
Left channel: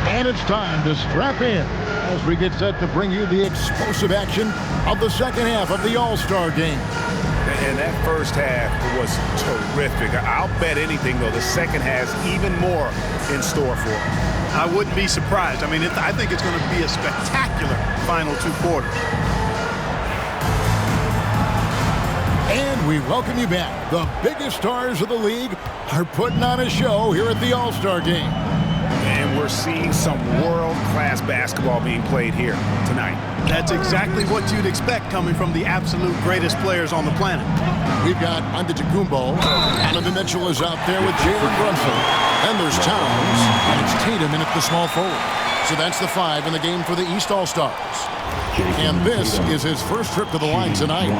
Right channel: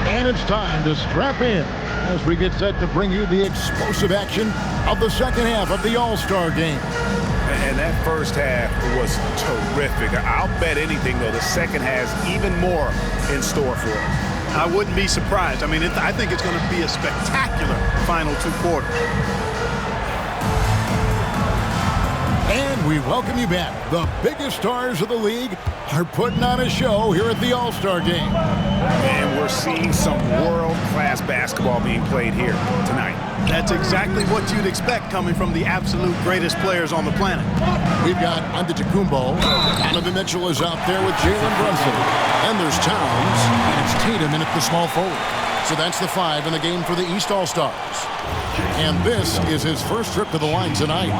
And it's time to strap in as we get set to bring you the explosive action of the second half of the All-Star game. And that first half was terrific. I'll bet anything, though, the second has even more in store for us. I wouldn't be surprised. I mean, I think it's going to be a spectacular final 2 quarters. And we welcome you back. The biggest stars of the league are putting on a show here at the All-Star game. And we're seeing some world-class basketball being played here tonight. That's exactly what you'd expect coming from the absolute greatest players on the planet. We've got Antetokounmpo. Donovan Mitchell is out there with Jalen Brunson. Then there's Towns, and it's Tatum in at the small forward. So that's the 5 in the game for the East All-Stars. And this is his first trip to the line tonight.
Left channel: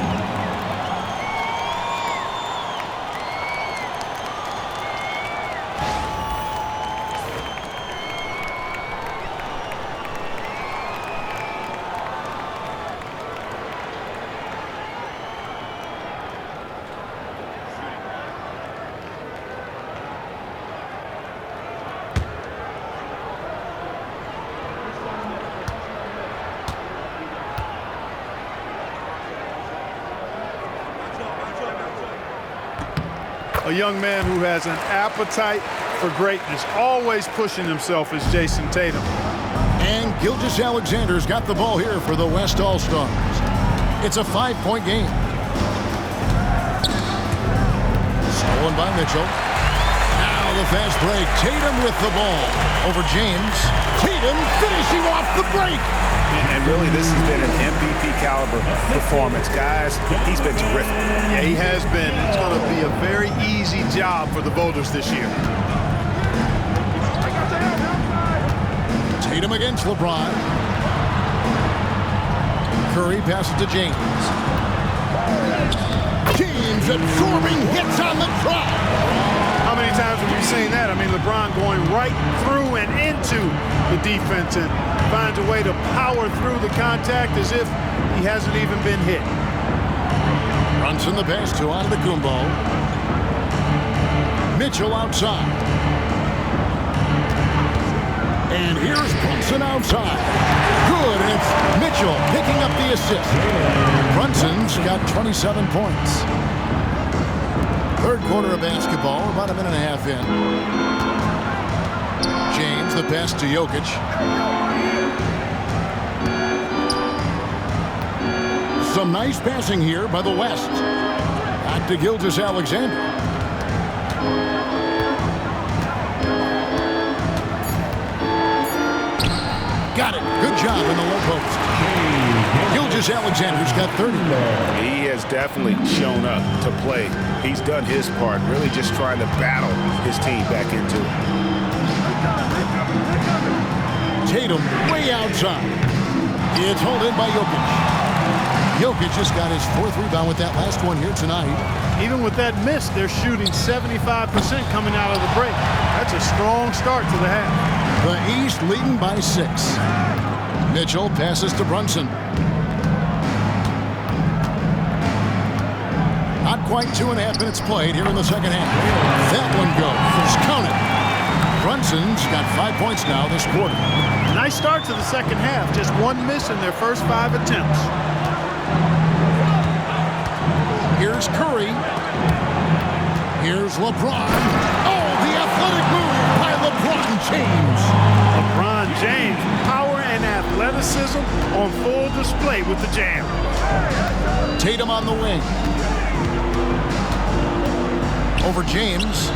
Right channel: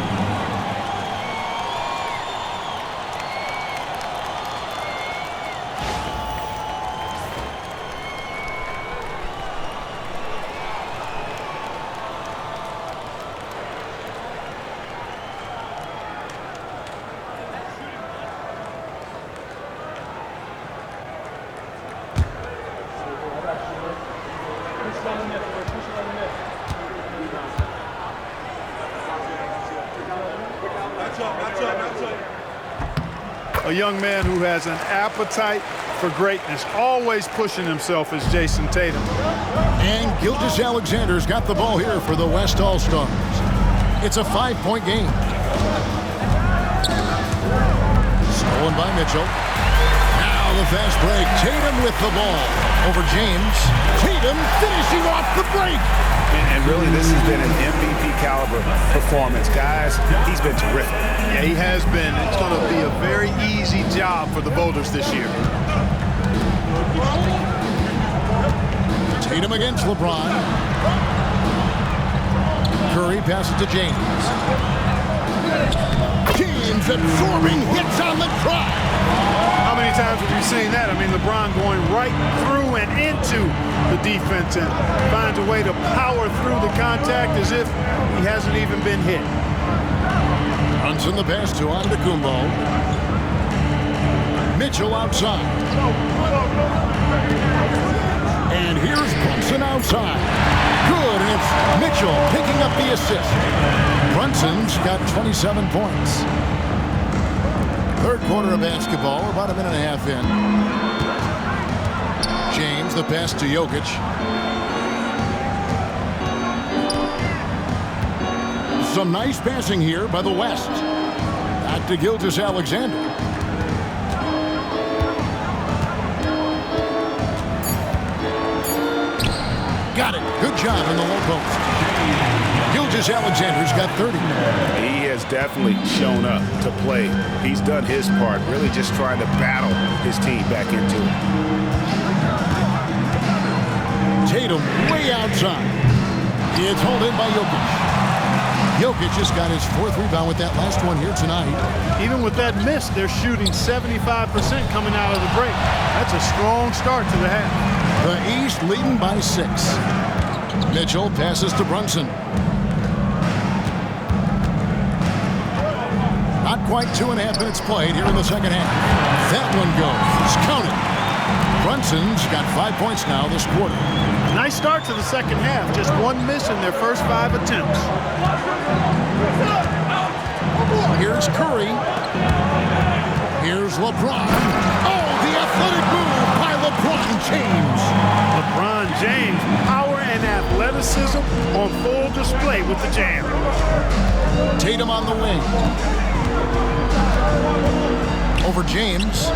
A young man who has an appetite for greatness, always pushing himself, is Jason Tatum. And Gilgeous-Alexander's got the ball here for the West All-Stars. It's a 5-point game. Stolen by Mitchell. Now the fast break. Tatum with the ball over James. Tatum finishing off the break. And really, this has been an MVP caliber performance. Guys, he's been terrific. Yeah, he has been. It's going to be a very easy job for the voters this year. Tatum against LeBron. Curry passes to James. James absorbing hits on the drive. How many times have we seen that? I mean, LeBron going right through and into the defense and finds a way to power through the contact as if he hasn't even been hit. Brunson the pass to Antetokounmpo. Mitchell outside. And here's Brunson outside. Good, and it's Mitchell picking up the assist. Brunson's got 27 points. Third quarter of basketball, about a minute and a half in. James, the pass to Jokic. Some nice passing here by the West. Back to Gilgeous-Alexander. Got it. Good job in the low post. Gilgeous-Alexander's got 30. He has definitely shown up to play. He's done his part, really just trying to battle his team back into it. Tatum way outside. It's hauled in by Jokic. Jokic just got his 4th rebound with that last one here tonight. Even with that miss, they're shooting 75% coming out of the break. That's a strong start to the half. The East leading by 6. Mitchell passes to Brunson. Not quite 2.5 minutes played here in the second half. That one goes. Counted. Brunson's got 5 points now this quarter. Nice start to the second half. Just one miss in their first 5 attempts. Here's Curry. Here's LeBron. Oh, the athletic move by LeBron James. LeBron James, power and athleticism on full display with the jam. Tatum on the wing. Over James.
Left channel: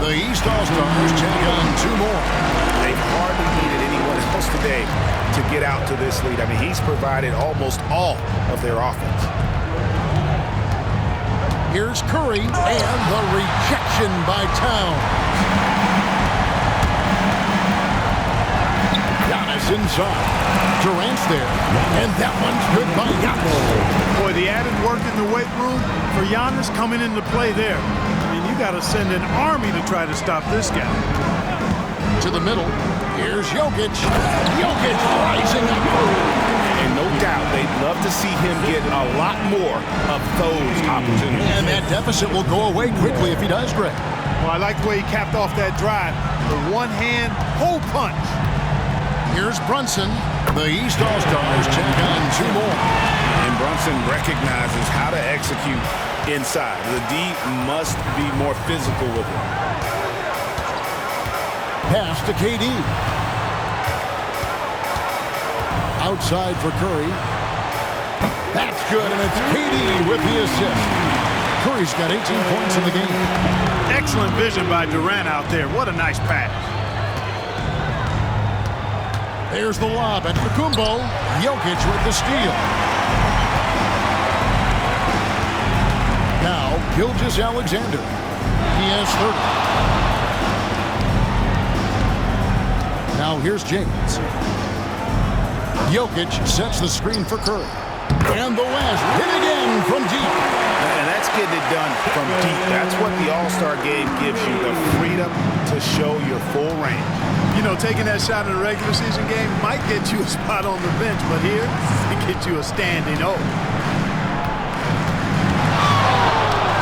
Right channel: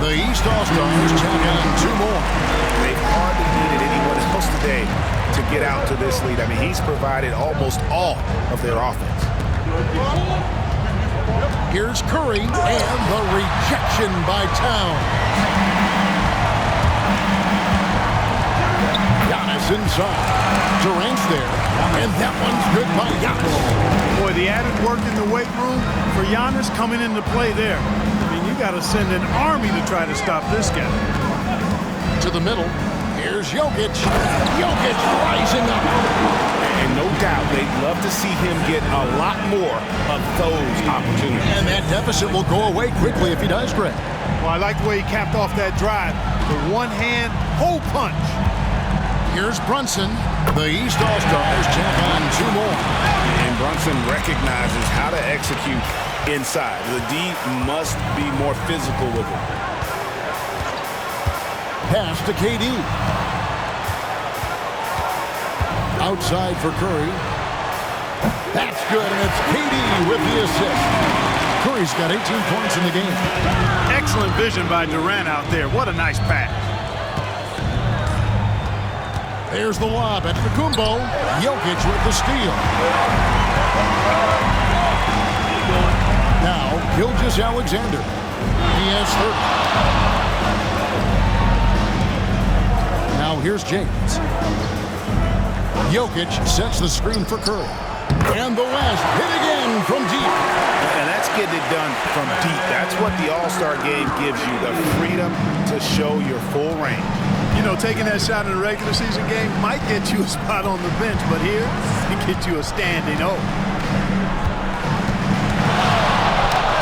The East All-Stars tack on 2 more. They've hardly needed anyone else today to get out to this lead. I mean, he's provided almost all of their offense. Here's Curry, and the rejection by Towns. Giannis inside. Durant's there, and that one's good by Giannis. Boy, the added work in the weight room for Giannis coming into play there. I mean, you got to send an army to try to stop this guy. To the middle. Here's Jokic. Jokic rising up. And no doubt they'd love to see him get a lot more of those opportunities. And that deficit will go away quickly if he does, Greg. Well, I like the way he capped off that drive. The one-hand hole punch. Here's Brunson. The East All-Stars tack on 2 more. And Brunson recognizes how to execute inside. The D must be more physical with him. Pass to KD. Outside for Curry. That's good, and it's KD with the assist. Curry's got 18 points in the game. Excellent vision by Durant out there. What a nice pass. There's the lob at Fakumbo. Jokic with the steal. Now, Gilgeous-Alexander. He has 30. Now here's James. Jokic sets the screen for Curry. And the West hit again from deep. And that's getting it done from deep. That's what the All-Star game gives you, the freedom to show your full range. You know, taking that shot in a regular season game might get you a spot on the bench, but here, it gets you a standing O.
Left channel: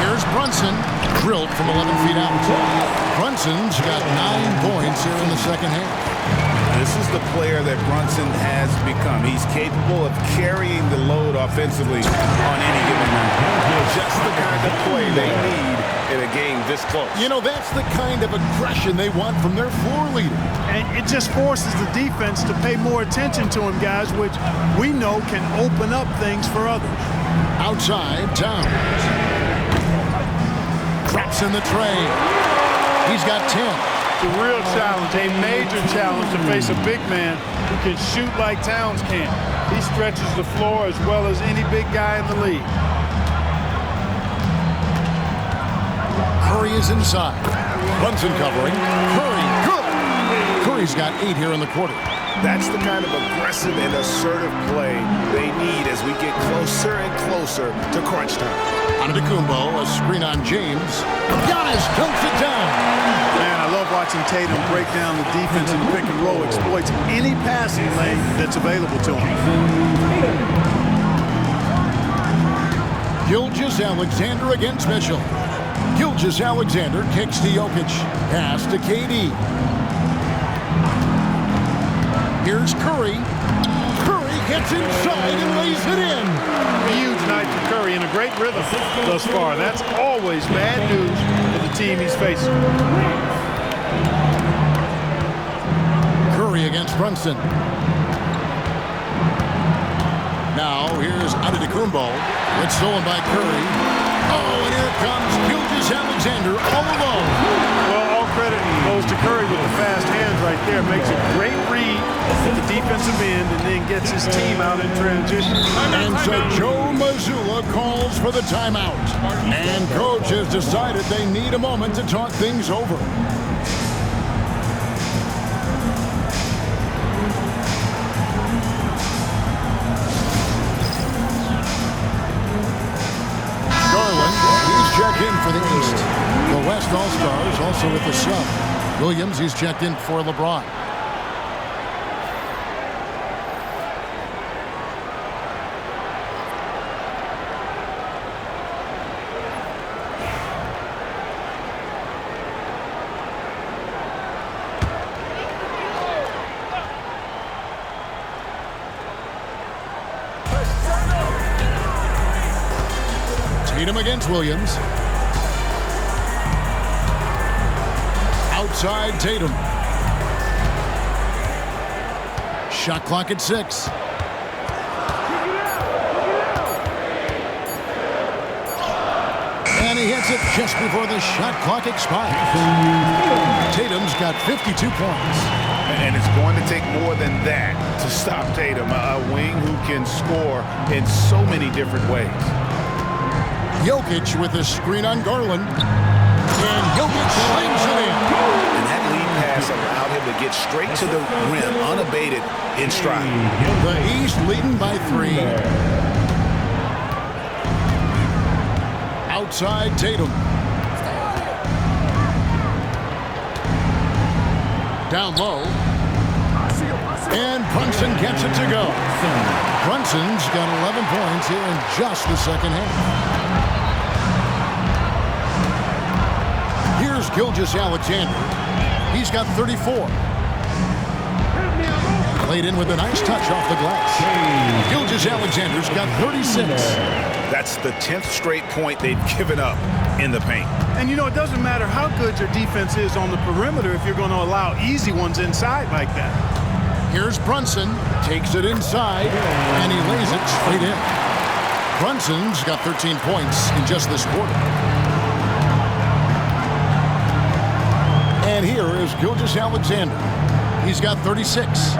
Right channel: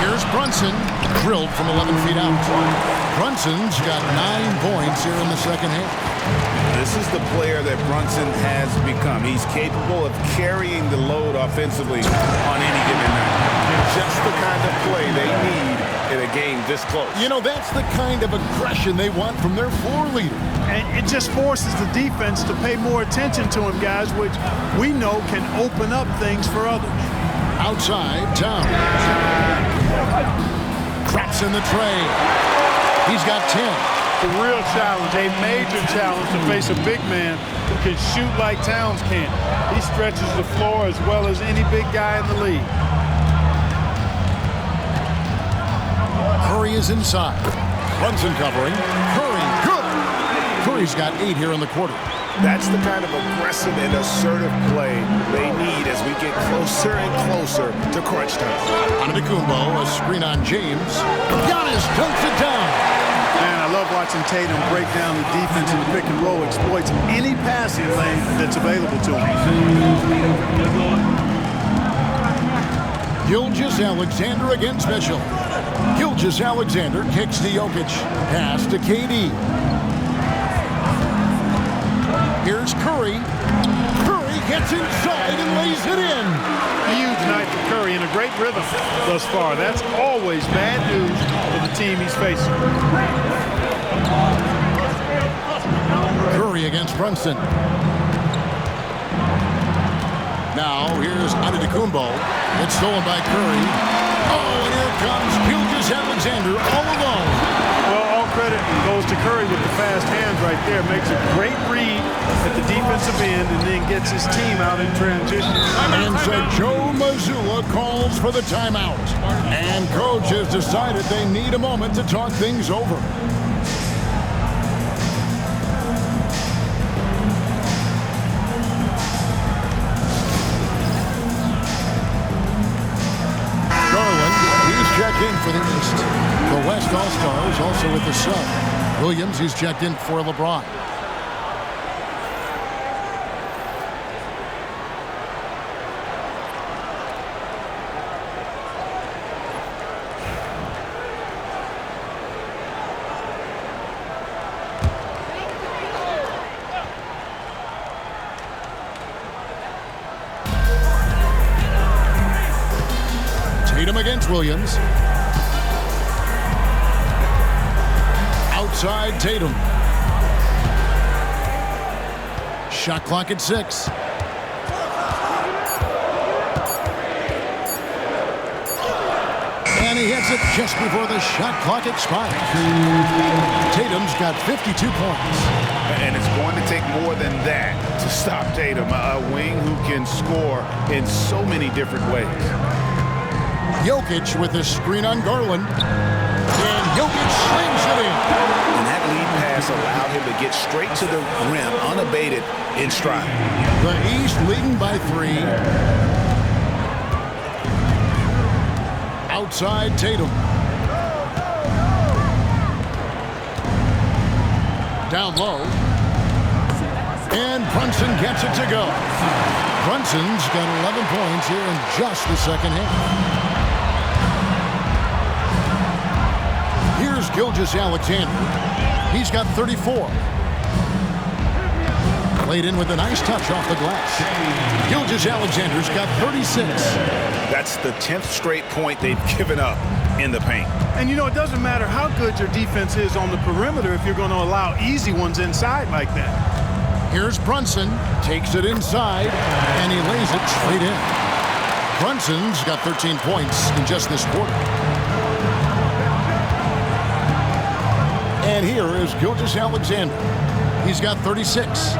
Here's Brunson, drilled from 11 feet out. Brunson's got 9 points here in the second half. This is the player that Brunson has become. He's capable of carrying the load offensively on any given night. Just the kind of play they need in a game this close. You know, that's the kind of aggression they want from their floor leader. And it just forces the defense to pay more attention to him, guys, which we know can open up things for others. Outside, Towns. Drops in the tray. He's got 10. It's a real challenge, a major challenge to face a big man who can shoot like Towns can. He stretches the floor as well as any big guy in the league. Curry is inside. Brunson covering. Curry, good. Curry's got 8 here in the quarter. That's the kind of aggressive and assertive play they need as we get closer and closer to crunch time. Antetokounmpo, a screen on James. Giannis dunks it down. Man, I love watching Tatum break down the defense in the pick and roll, exploits any passing lane that's available to him. Gilgeous-Alexander against Mitchell. Gilgeous-Alexander kicks to Jokic. Pass to KD. Here's Curry. Curry gets inside and lays it in. Huge night for Curry in a great rhythm thus far. That's always bad news for the team he's facing. Curry against Brunson. Now here's Antetokounmpo. It's stolen by Curry. Oh, and here comes Gilgeous-Alexander all alone. Well, all credit goes to Curry with the fast hands right there. Makes a great read at the defensive end and then gets his team out in transition. And so Joe Mazzulla calls for the timeout. And coach has decided they need a moment to talk things over. Garland, he's checked in for the East. The West All-Stars also with the sub. Williams, he's checked in for LeBron. Tatum against Williams. Outside Tatum. Shot clock at 6. And he hits it just before the shot clock expires. Tatum's got 52 points. And it's going to take more than that to stop Tatum, a wing who can score in so many different ways. Jokic with a screen on Garland. And Jokic slings it in. And that lead pass allowed him to get straight to the rim unabated in stride. The East leading by 3. Outside Tatum. Down low. And Brunson gets it to go. Brunson's got 11 points here in just the second half. Here's Gilgeous-Alexander. He's got 34. Played in with a nice touch off the glass. Gilgeous-Alexander's got 36. That's the 10th straight point they've given up in the paint. And you know, it doesn't matter how good your defense is on the perimeter if you're going to allow easy ones inside like that. Here's Brunson. Takes it inside, and he lays it straight in. Brunson's got 13 points in just this quarter. And here is Gilgeous-Alexander. He's got 36.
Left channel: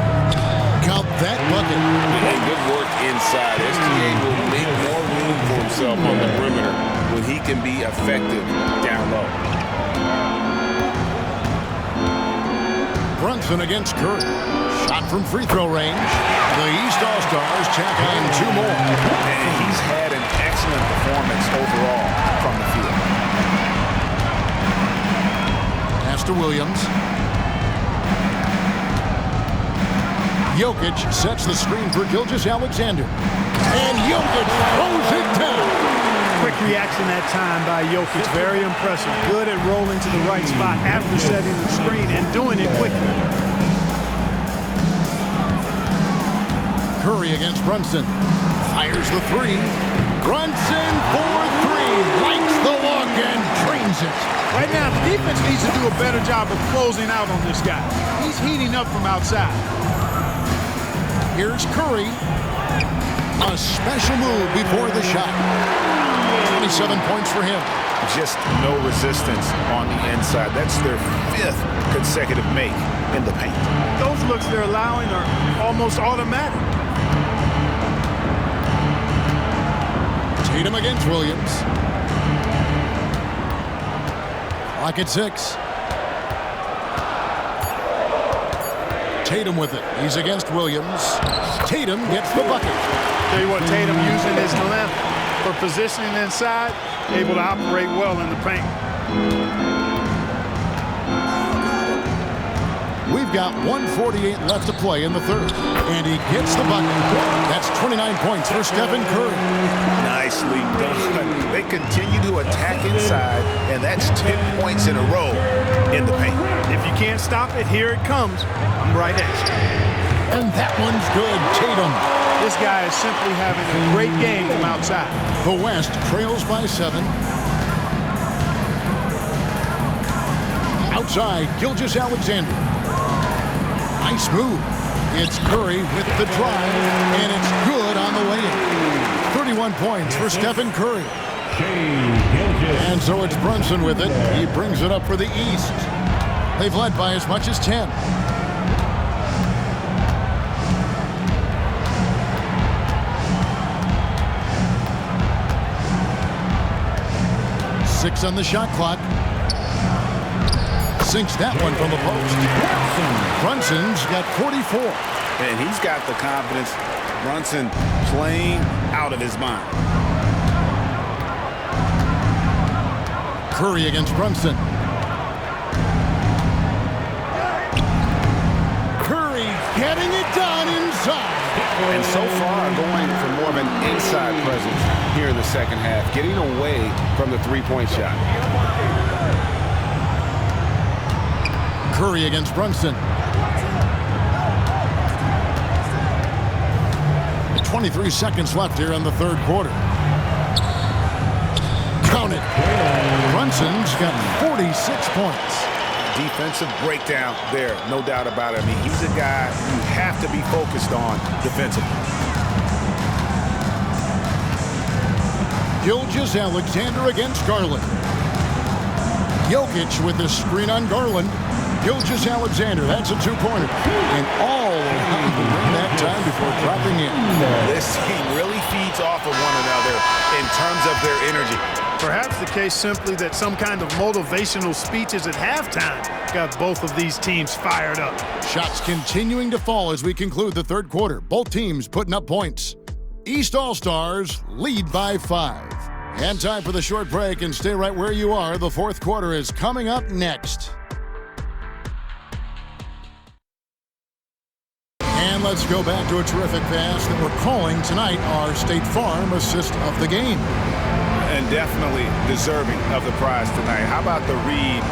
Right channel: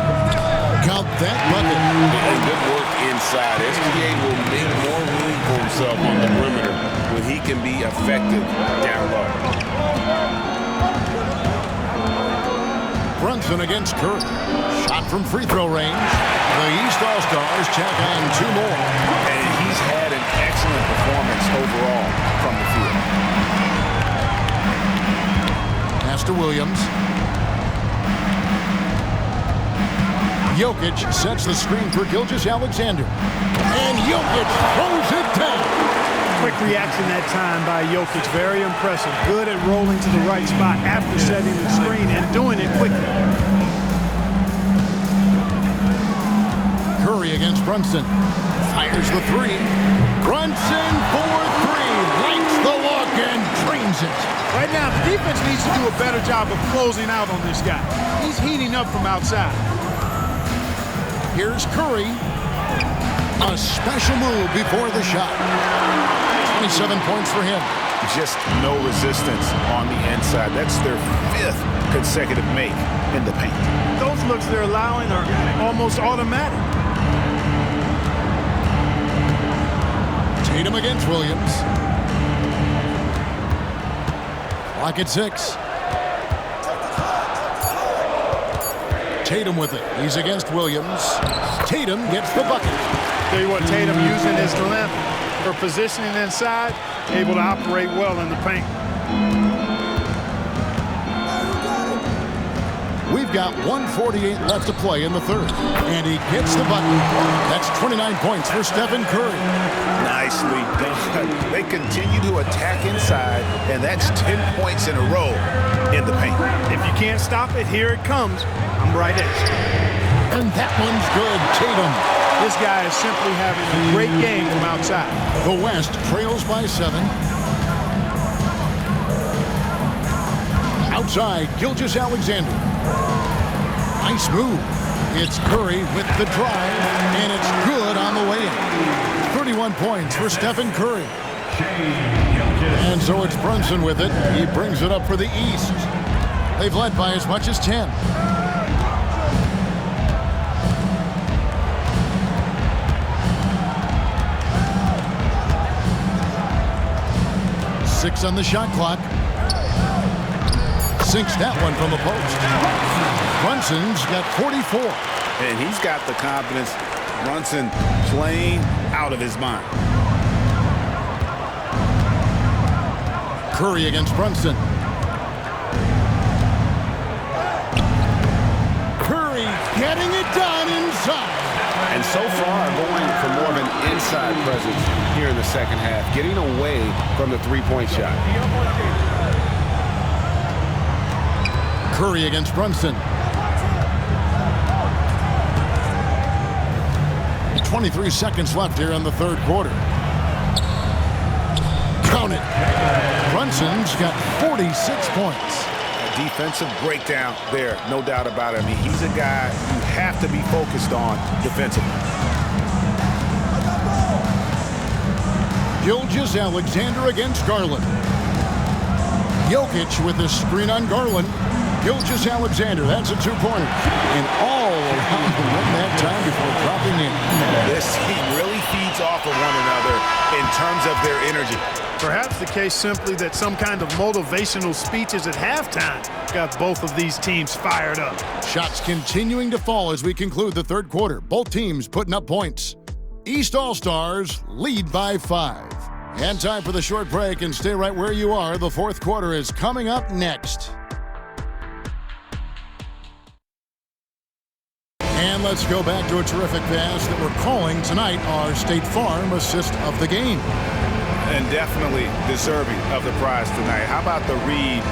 Count that bucket. And good work inside. SGA will make more room for himself on the perimeter when he can be effective down low. Brunson against Curry. Shot from free throw range. The East All-Stars tack on 2 more. And he's had an excellent performance overall from the field. Pass to Williams. Jokic sets the screen for Gilgeous-Alexander. And Jokic throws it down. Quick reaction that time by Jokic. Very impressive. Good at rolling to the right spot after setting the screen and doing it quickly. Curry against Brunson. Fires the 3. Brunson for 3. Lights the look and drains it. Right now, the defense needs to do a better job of closing out on this guy. He's heating up from outside. Here's Curry. A special move before the shot. 27 points for him. Just no resistance on the inside. That's their 5th consecutive make in the paint. Those looks they're allowing are almost automatic. Tatum against Williams. Clock at 6. Tatum with it. He's against Williams. Tatum gets the bucket. Tell you what, Tatum using his length for positioning inside, able to operate well in the paint. We've got 1:48 left to play in the 3rd. And he gets the bucket. That's 29 points for Stephen Curry. Nicely done. They continue to attack inside, and that's 10 points in a row in the paint. If you can't stop it, here it comes. I'm right at you. And that one's good. Tatum. This guy is simply having a great game from outside. The West trails by 7. Outside, Gilgeous-Alexander. Nice move. It's Curry with the drive, and it's good on the way in. 31 points for Stephen Curry. And so it's Brunson with it. He brings it up for the East. They've led by as much as 10. Six on the shot clock. Sinks that one from the post. Brunson's got 44. And he's got the confidence. Brunson playing out of his mind. Curry against Brunson. Curry getting it done inside. And so far going for more of an inside presence here in the second half, getting away from the three-point shot. Curry against Brunson. 23 seconds left here in the 3rd quarter. Count it. Brunson's got 46 points. A defensive breakdown there, no doubt about it. I mean, he's a guy you have to be focused on defensively. Gilgeous-Alexander against Garland. Jokic with the screen on Garland. Gilgeous-Alexander, that's a 2-pointer. And all around the rim that time before dropping in. This team really feeds off of one another in terms of their energy. Perhaps the case simply that some kind of motivational speeches at halftime got both of these teams fired up. Shots continuing to fall as we conclude the 3rd quarter. Both teams putting up points. East All-Stars lead by 5. And time for the short break, and stay right where you are. The 4th quarter is coming up next. And let's go back to a terrific pass that we're calling tonight our State Farm assist of the game. And definitely deserving of the prize tonight. How about the read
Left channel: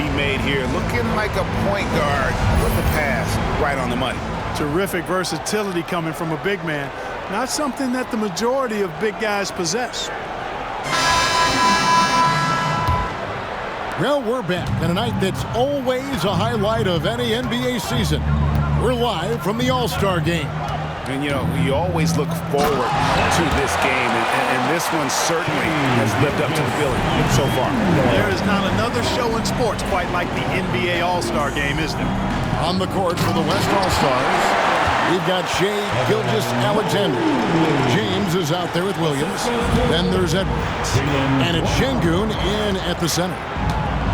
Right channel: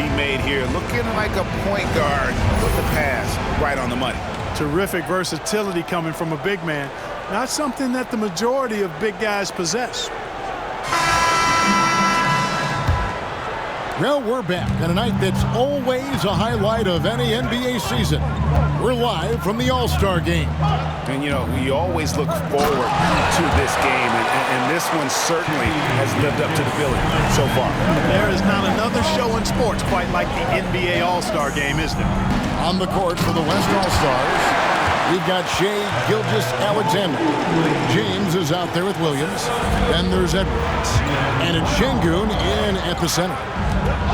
he made here? Looking like a point guard with the pass right on the money. Terrific versatility coming from a big man. Not something that the majority of big guys possess. Well, we're back on a night that's always a highlight of any NBA season. We're live from the All-Star Game. And, you know, we always look forward to this game, and this one certainly has lived up to the billing so far. There is not another show in sports quite like the NBA All-Star Game, is there? On the court for the West All-Stars, We've got Shea Gilgeous-Alexander. James is out there with Williams. Then there's Edwards. And it's Şengün in at the center.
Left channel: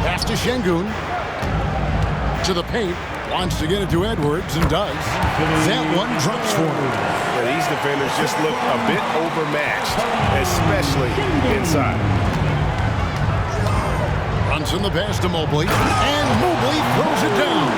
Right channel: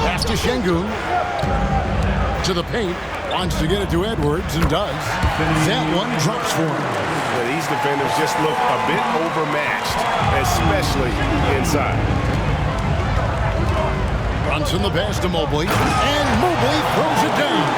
Pass to Şengün. To the paint. Wants to get it to Edwards and does. That one drops for him. Yeah, these defenders just look a bit overmatched, especially inside. Brunson the pass to Mobley. And Mobley throws it down.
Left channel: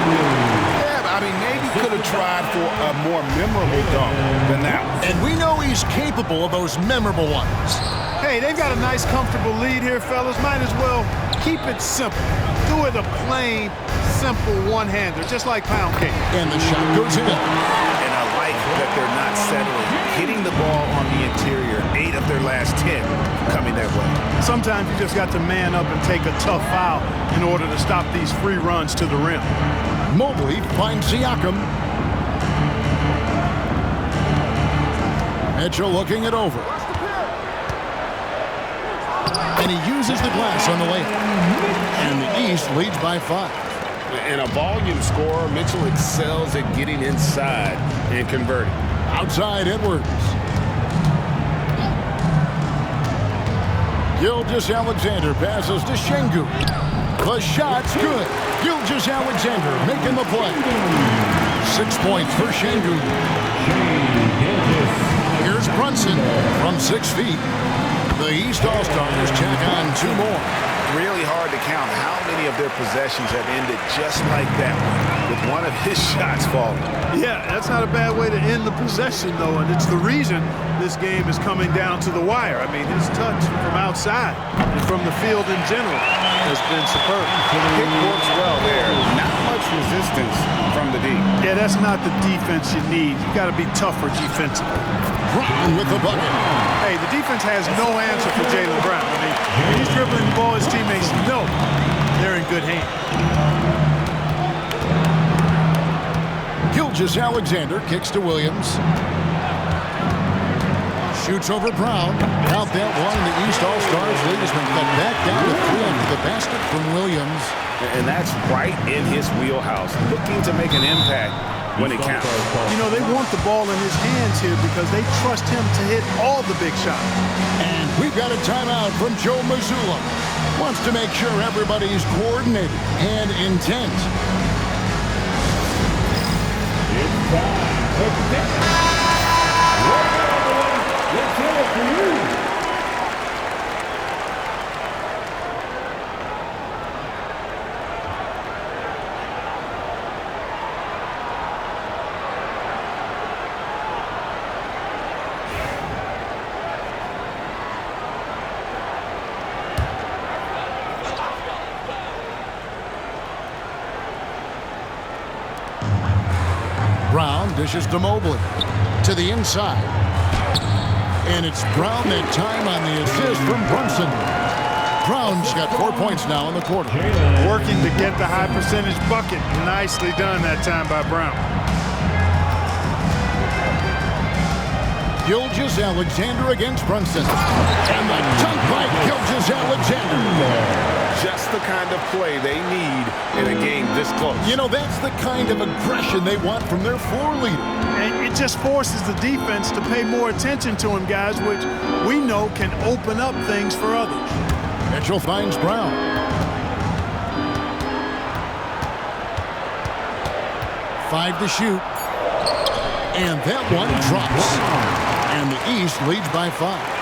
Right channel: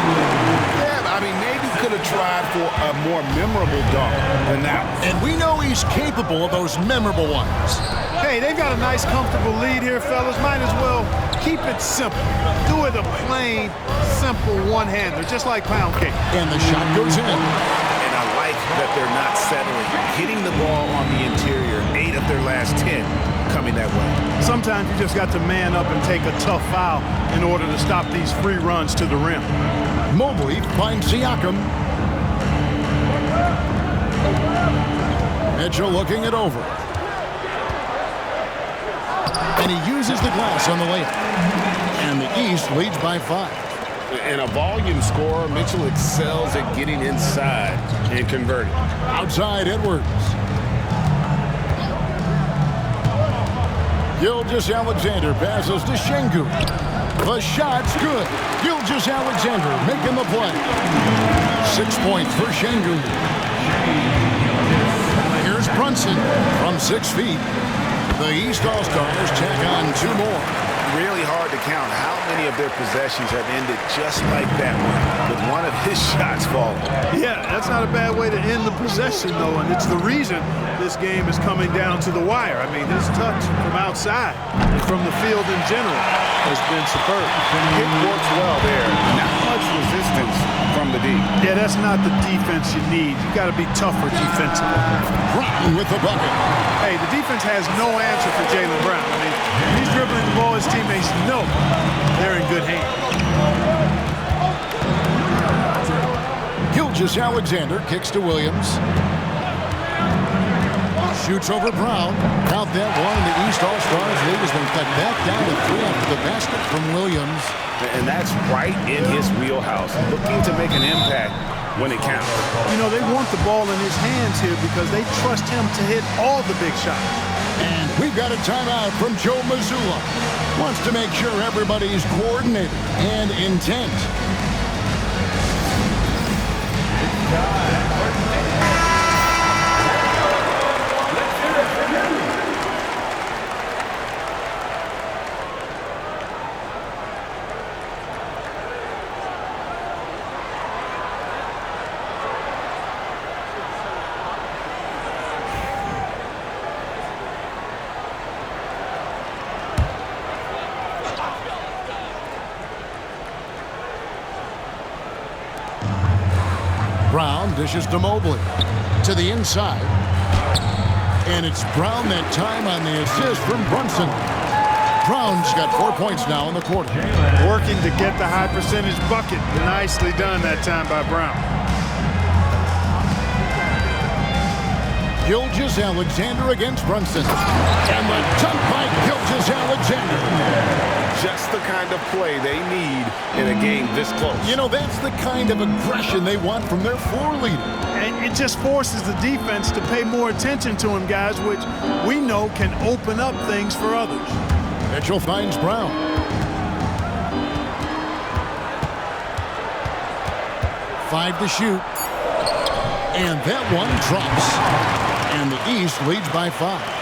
Yeah, I mean, maybe could have tried for a more memorable dunk than that one. And we know he's capable of those memorable ones. Hey, they've got a nice, comfortable lead here, fellas. Might as well keep it simple. Do it a plain, simple one-hander, just like pound cake. And the shot goes in. And I like that they're not settling. Hitting the ball on the interior, 8 of their last 10 coming that way. Sometimes you just got to man up and take a tough foul in order to stop these free runs to the rim. Mobley finds Siakam. Mitchell looking it over. And he uses the glass on the layup. And the East leads by 5. And a volume scorer, Mitchell excels at getting inside and converting. Outside, Edwards. Gilgeous-Alexander passes to Şengün. The shot's good. Gilgeous-Alexander making the play. 6 points for Şengün. Here's Brunson from 6 feet. The East All-Stars tack on 2 more. Really hard to count how many of their possessions have ended just like that one, with one of his shots falling. Yeah, that's not a bad way to end the possession, though, and it's the reason this game is coming down to the wire. I mean, his touch from outside and from the field in general has been superb. It works well there. Not much resistance from the D. Yeah, that's not the defense you need. You got to be tougher defensively. Brown with the bucket. Hey, the defense has no answer for Jaylen Brown. I mean, when he's dribbling the ball, his teammates know they're in good hands. Gilgeous-Alexander kicks to Williams. Shoots over Brown. Count that one. The East All-Stars lead has been cut back down to 3 after the basket from Williams. And that's right in his wheelhouse, looking to make an impact when it counts. You know, they want the ball in his hands here because they trust him to hit all the big shots. And we've got a timeout from Joe Mazzulla. Wants to make sure everybody's coordinated and intent. Let's hear it for you. Brown dishes to Mobley. To the inside. And it's Brown that time on the assist from Brunson. Brown's got 4 points now in the quarter. Working to get the high percentage bucket. Nicely done that time by Brown. Gilgeous-Alexander against Brunson. And the dunk by Gilgeous-Alexander. Just the kind of play they need in a game this close. You know, that's the kind of aggression they want from their floor leader. And it just forces the defense to pay more attention to him, guys, which we know can open up things for others. Mitchell finds Brown. Five to shoot. And that one drops. And the East leads by 5.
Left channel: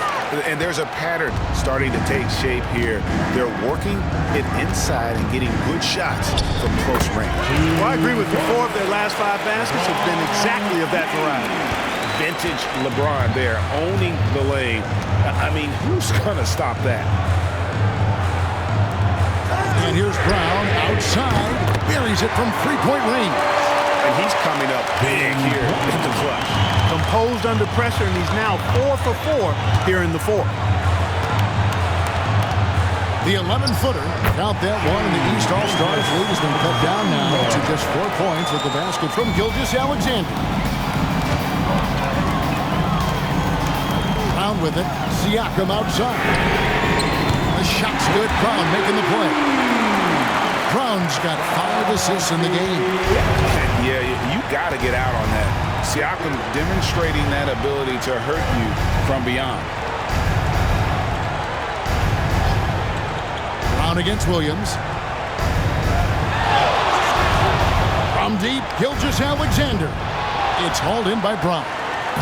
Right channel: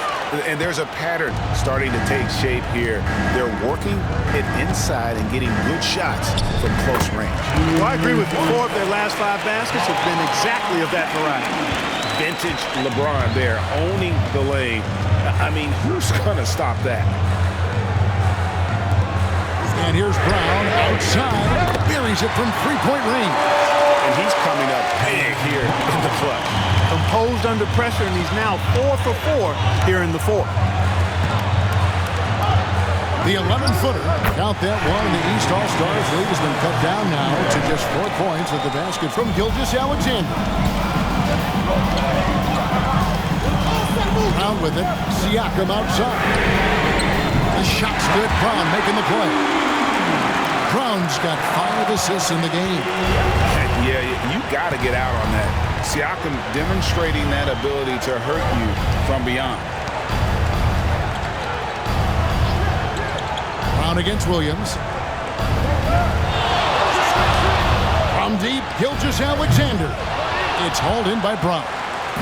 And there's a pattern starting to take shape here. They're working it inside and getting good shots from close range. Well, I agree with you. 4 of their last 5 baskets have been exactly of that variety. Vintage LeBron there, owning the lane. I mean, who's going to stop that? And here's Brown outside. Buries it from 3-point range. And he's coming up big here in the clutch. Composed under pressure, and he's now 4 for 4 here in the 4th. The 11-footer, count that one, and the East All-Stars lead has been cut down now to just 4 points with the basket from Gilgeous-Alexander. Brown with it, Siakam outside. The shot's good, Brown making the play. Brown's got 5 assists in the game. Yeah, you got to get out on that. Siakam demonstrating that ability to hurt you from beyond. Brown against Williams. From deep, Gilgeous-Alexander. It's hauled in by Brown.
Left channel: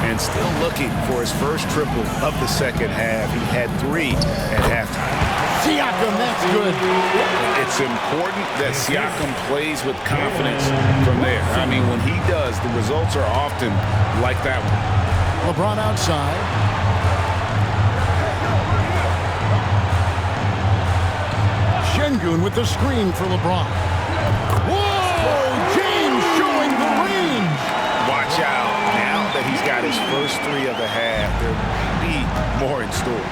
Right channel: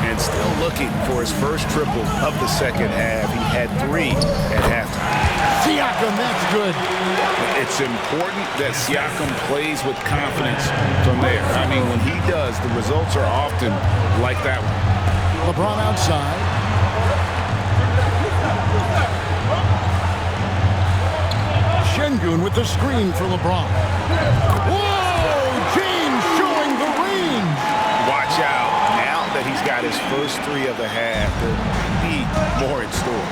And still looking for his first triple of the second half. He had 3 at halftime. Siakam, that's good. It's important that Siakam plays with confidence from there. I mean, when he does, the results are often like that one. LeBron outside. Şengün with the screen for LeBron. Whoa! James showing the range. Watch out. Now that he's got his first 3 of the half, there might be more in store.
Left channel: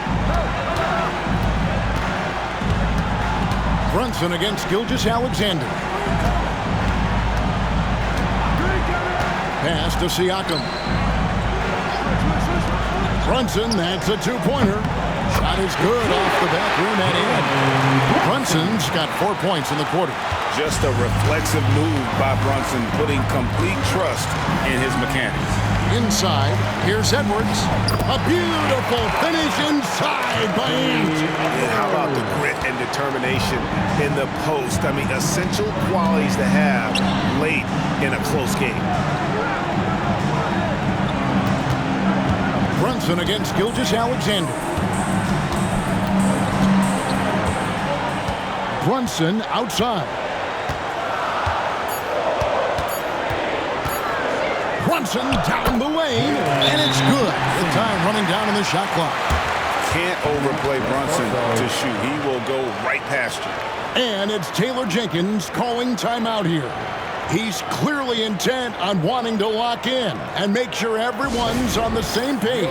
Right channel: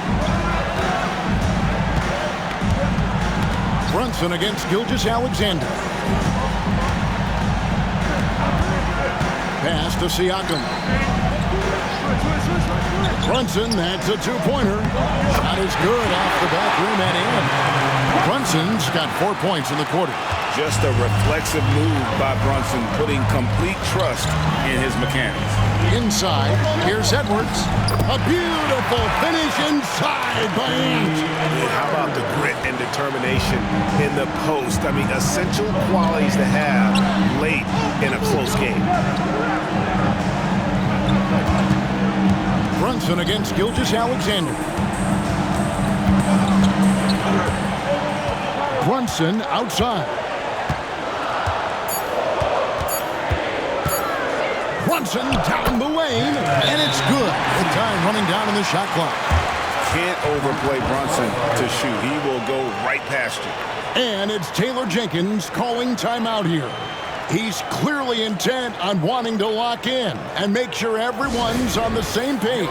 Brunson against Gilgeous-Alexander. Pass to Siakam. Brunson, that's a 2-pointer. Shot is good off the back rim and in. Brunson's got 4 points in the quarter. Just a reflexive move by Brunson, putting complete trust in his mechanics. Inside, here's Edwards. A beautiful finish inside by Ant. And how about the grit and determination in the post? I mean, essential qualities to have late in a close game. Brunson against Gilgeous-Alexander. Brunson outside. Brunson down the lane, and it's good. With time running down in the shot clock. Can't overplay Brunson to shoot. He will go right past you. And it's Taylor Jenkins calling timeout here. He's clearly intent on wanting to lock in and make sure everyone's on the same page.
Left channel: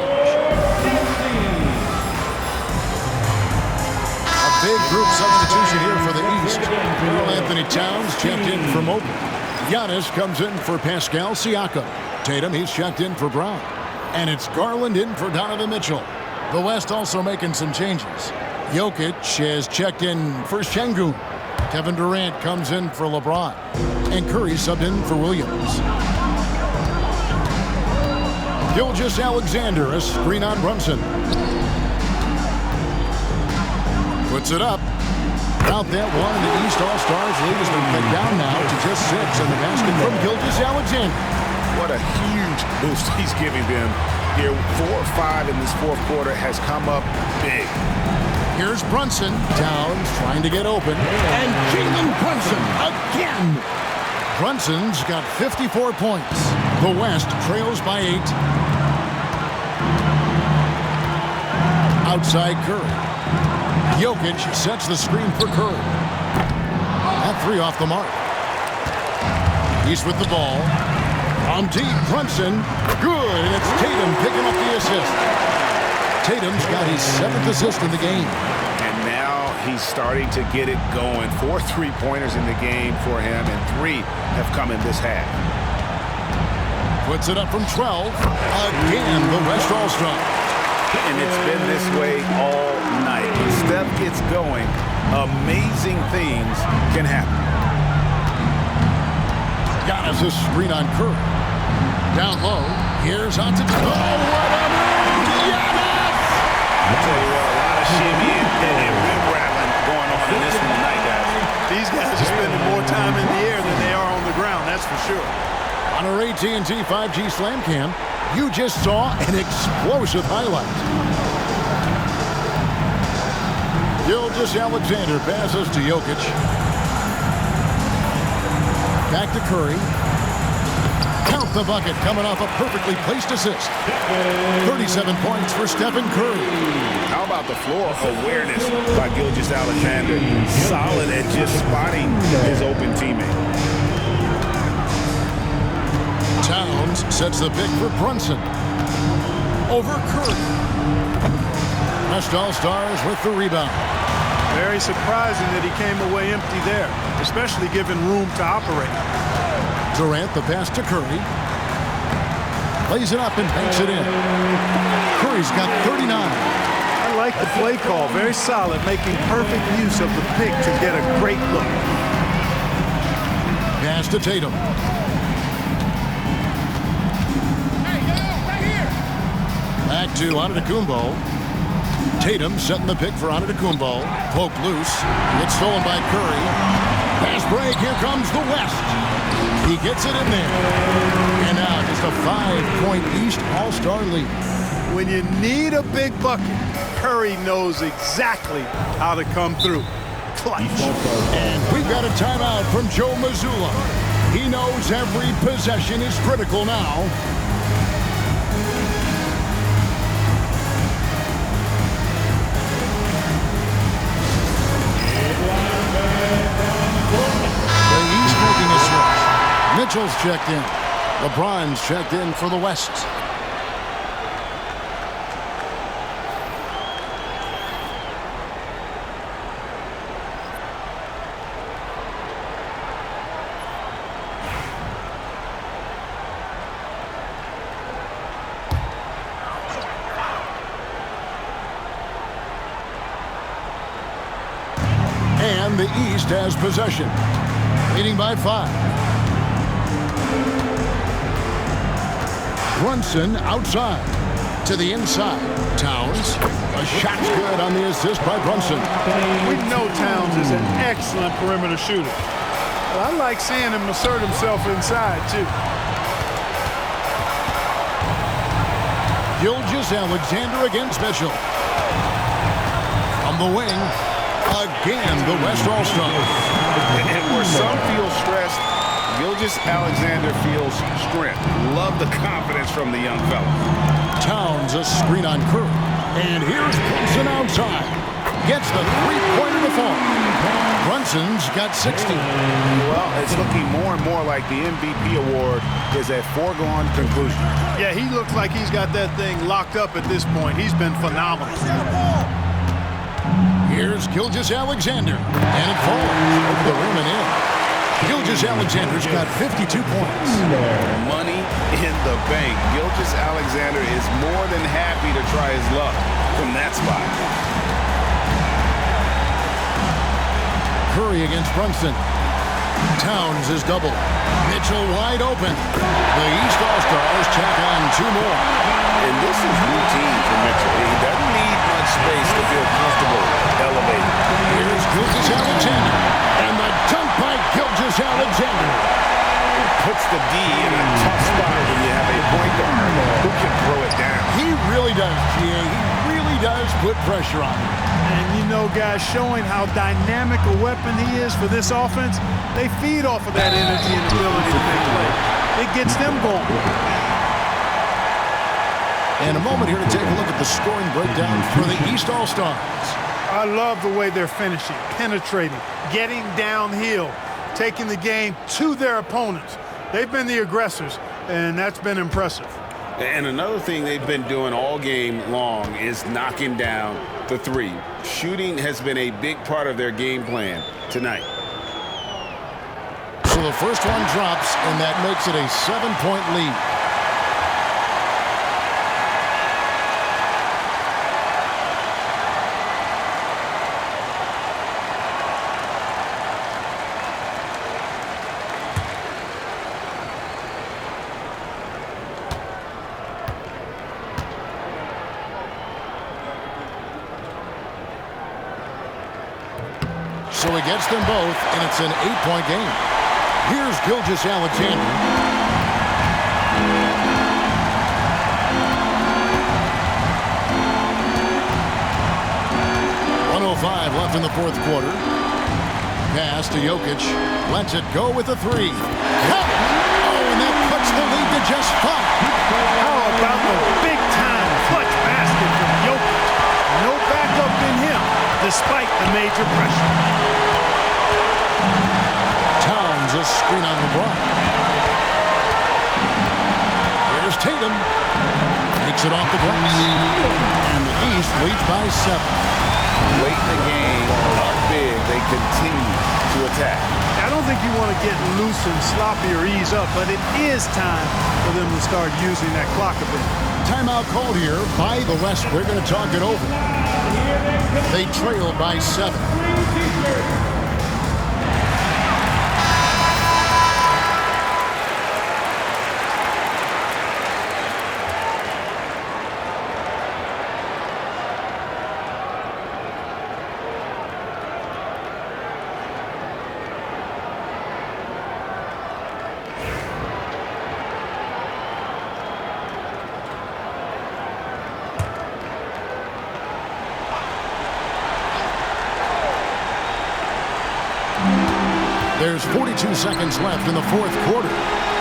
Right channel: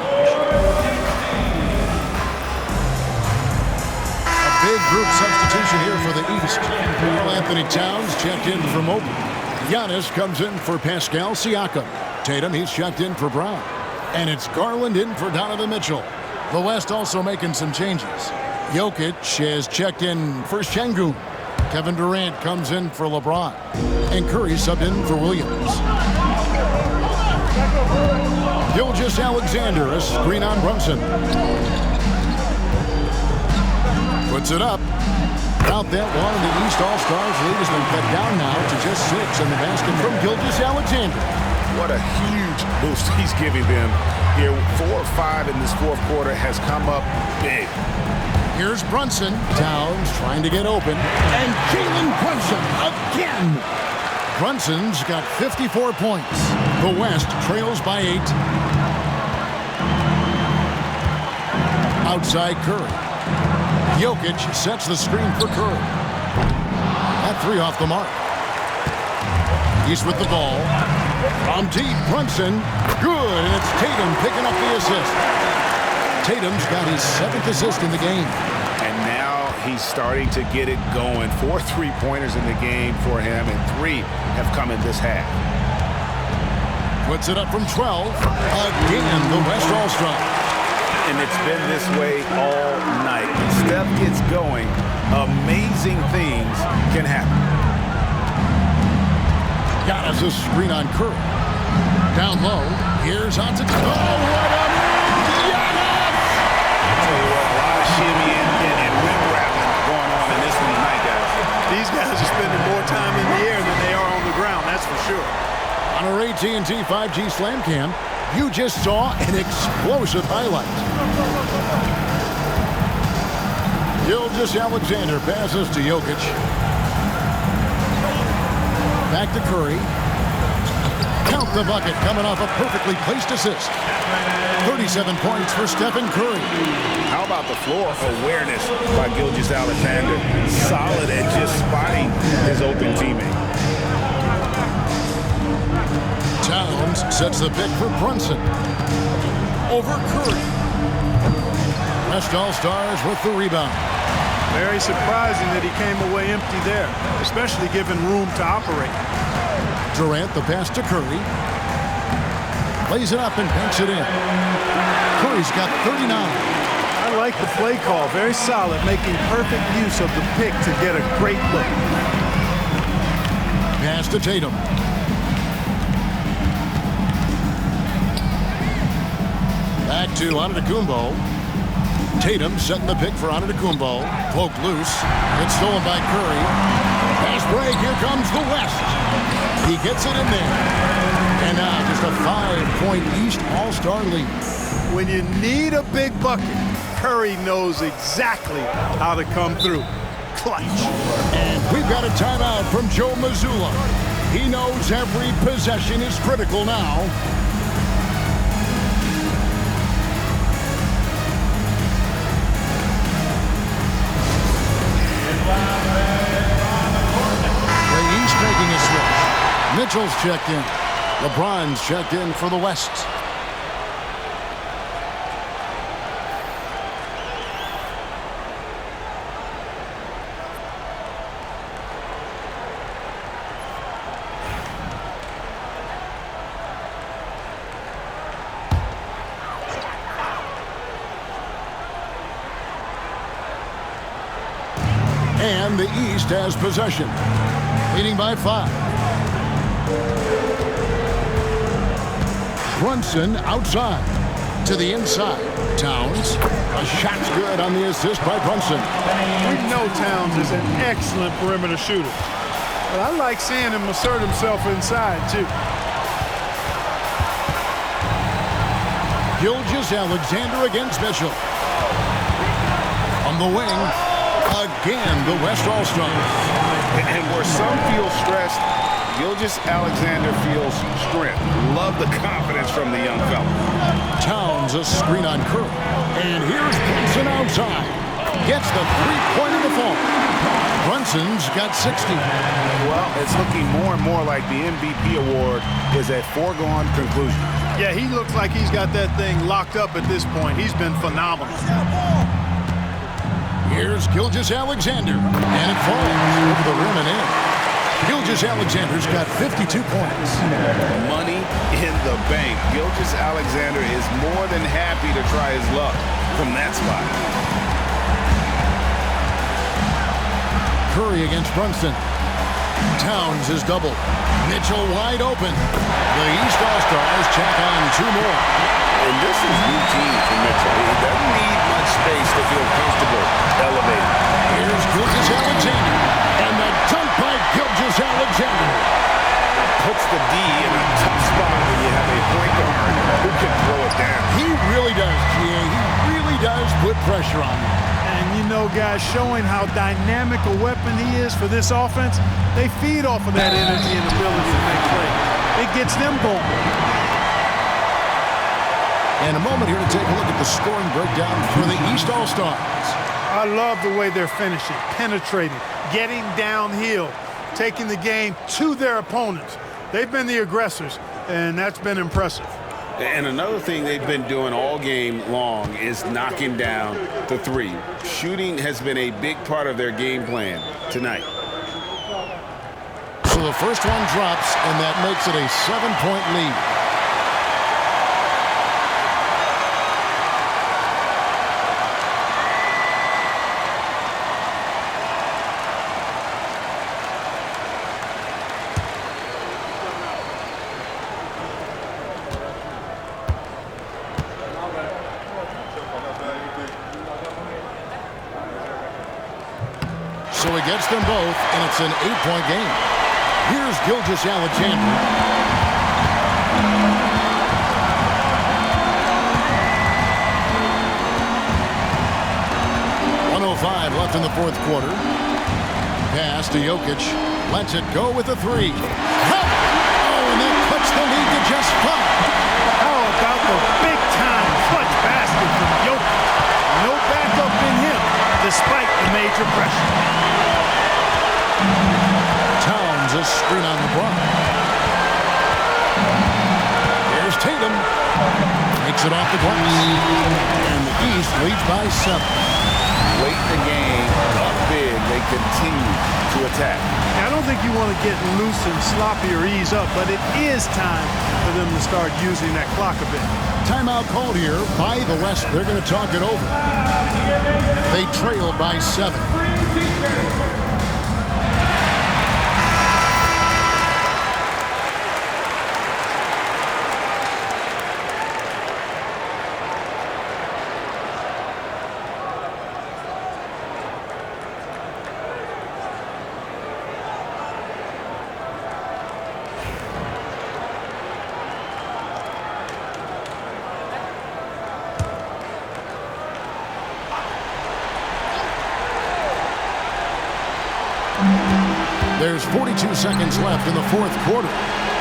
A big group substitution here for the East. Karl-Anthony Towns checked in for Mobley. Giannis comes in for Pascal Siakam. Tatum, he's checked in for Brown. And it's Garland in for Donovan Mitchell. The West also making some changes. Jokic has checked in for Şengün. Kevin Durant comes in for LeBron. And Curry subbed in for Williams. Gilgeous-Alexander, a screen on Brunson. Puts it up. Out that one, and the East All-Stars lead has been cut down now to just 6, and the basket from Gilgeous-Alexander. What a huge boost he's giving them here. 4 or 5 in this fourth quarter has come up big. Here's Brunson. Towns trying to get open. And Jalen Brunson again. Brunson's got 54 points. The West trails by 8. Outside Curry. Jokic sets the screen for Curry. That 3 off the mark. He's with the ball. From deep, Brunson. Good, and it's Tatum picking up the assist. Tatum's got his 7th assist in the game. And now he's starting to get it going. 4 3-pointers in the game for him, and 3 have come in this half. Puts it up from 12. Again, the West All-Stars. And it's been this way all night. When Steph gets going, amazing things can happen. Giannis a screen on Curry. Down low. Here's onto... Oh, what a move! Giannis! I'll tell you what, a lot of shimmy and rim rattling going on in this one tonight, guys. These guys are spending more time in the air than they are on the ground, that's for sure. On our AT&T 5G Slam Cam, you just saw an explosive highlight. Gilgeous-Alexander passes to Jokic. Back to Curry. Count the bucket coming off a perfectly placed assist. 37 points for Stephen Curry. How about the floor awareness by Gilgeous-Alexander? Solid at just spotting his open teammate. Towns sets the pick for Brunson. Over Curry. West All-Stars with the rebound. Very surprising that he came away empty there, especially given room to operate. Durant the pass to Curry. Lays it up and banks it in. Curry's got 39. I like the play call. Very solid, making perfect use of the pick to get a great look. Pass to Tatum. Back to Antetokounmpo. Tatum setting the pick for Antetokounmpo. Poked loose. Gets stolen by Curry. Pass break. Here comes the West. He gets it in there. And now just a 5-point East All-Star lead. When you need a big bucket, Curry knows exactly how to come through. Clutch. And we've got a timeout from Joe Mazzulla. He knows every possession is critical now. The East making a switch. Mitchell's checked in. LeBron's checked in for the West. And the East has possession, leading by 5. Brunson outside to the inside. Towns. A shot's good on the assist by Brunson. We know Towns is an excellent perimeter shooter, but I like seeing him assert himself inside too. Gilgeous-Alexander against Mitchell. From the wing. Again, the West All-Stars. And where some feel stressed, Gilgeous-Alexander feels strength. Love the confidence from the young fella. Towns a screen on Curry. And here's Brunson outside. Gets the three-pointer to fall. Brunson's got 60. Well, it's looking more and more like the MVP award is a foregone conclusion. Yeah, he looks like he's got that thing locked up at this point. He's been phenomenal. Here's Gilgeous-Alexander, and it falls over the rim and in. Gilgeous-Alexander's got 52 points. Money in the bank. Gilgeous-Alexander is more than happy to try his luck from that spot. Curry against Brunson. Towns is doubled. Mitchell wide open. The East All-Stars check on 2 more. And this is routine for Mitchell. He doesn't need much space to feel comfortable elevating. Here's Gilgeous-Alexander. And the dunk by Gilgeous-Alexander. Puts the D in a tough spot when you have a point guard who can throw it down. He really does, G.A. He really does put pressure on you. And you know, guys, showing how dynamic a weapon he is for this offense, they feed off of that energy and ability to make plays. It gets them going. And a moment here to take a look at the scoring breakdown for the East All-Stars. I love the way they're finishing, penetrating, getting downhill, taking the game to their opponents. They've been the aggressors, and that's been impressive. And another thing they've been doing all game long is knocking down the three. Shooting has been a big part of their game plan tonight. So the first one drops, and that makes it a 7-point lead. So he gets them both, and it's an 8-point game. Here's Gilgeous-Alexander. .105 left in the fourth quarter. Pass to Jokic. Lets it go with a 3. Covered! Oh, and that cuts the lead to just 5. How about the big-time clutch basket from Jokic? No backup in him, despite the major pressure. Towns a screen on LeBron. Here's Tatum. Makes it off the glass. And the East leads by 7. Late in the game, up big, they continue to attack. I don't think you want to get loose and sloppy or ease up, but it is time for them to start using that clock a bit. Timeout called here by the West. They're going to talk it over. They trail by 7. There's 42 seconds left in the fourth quarter.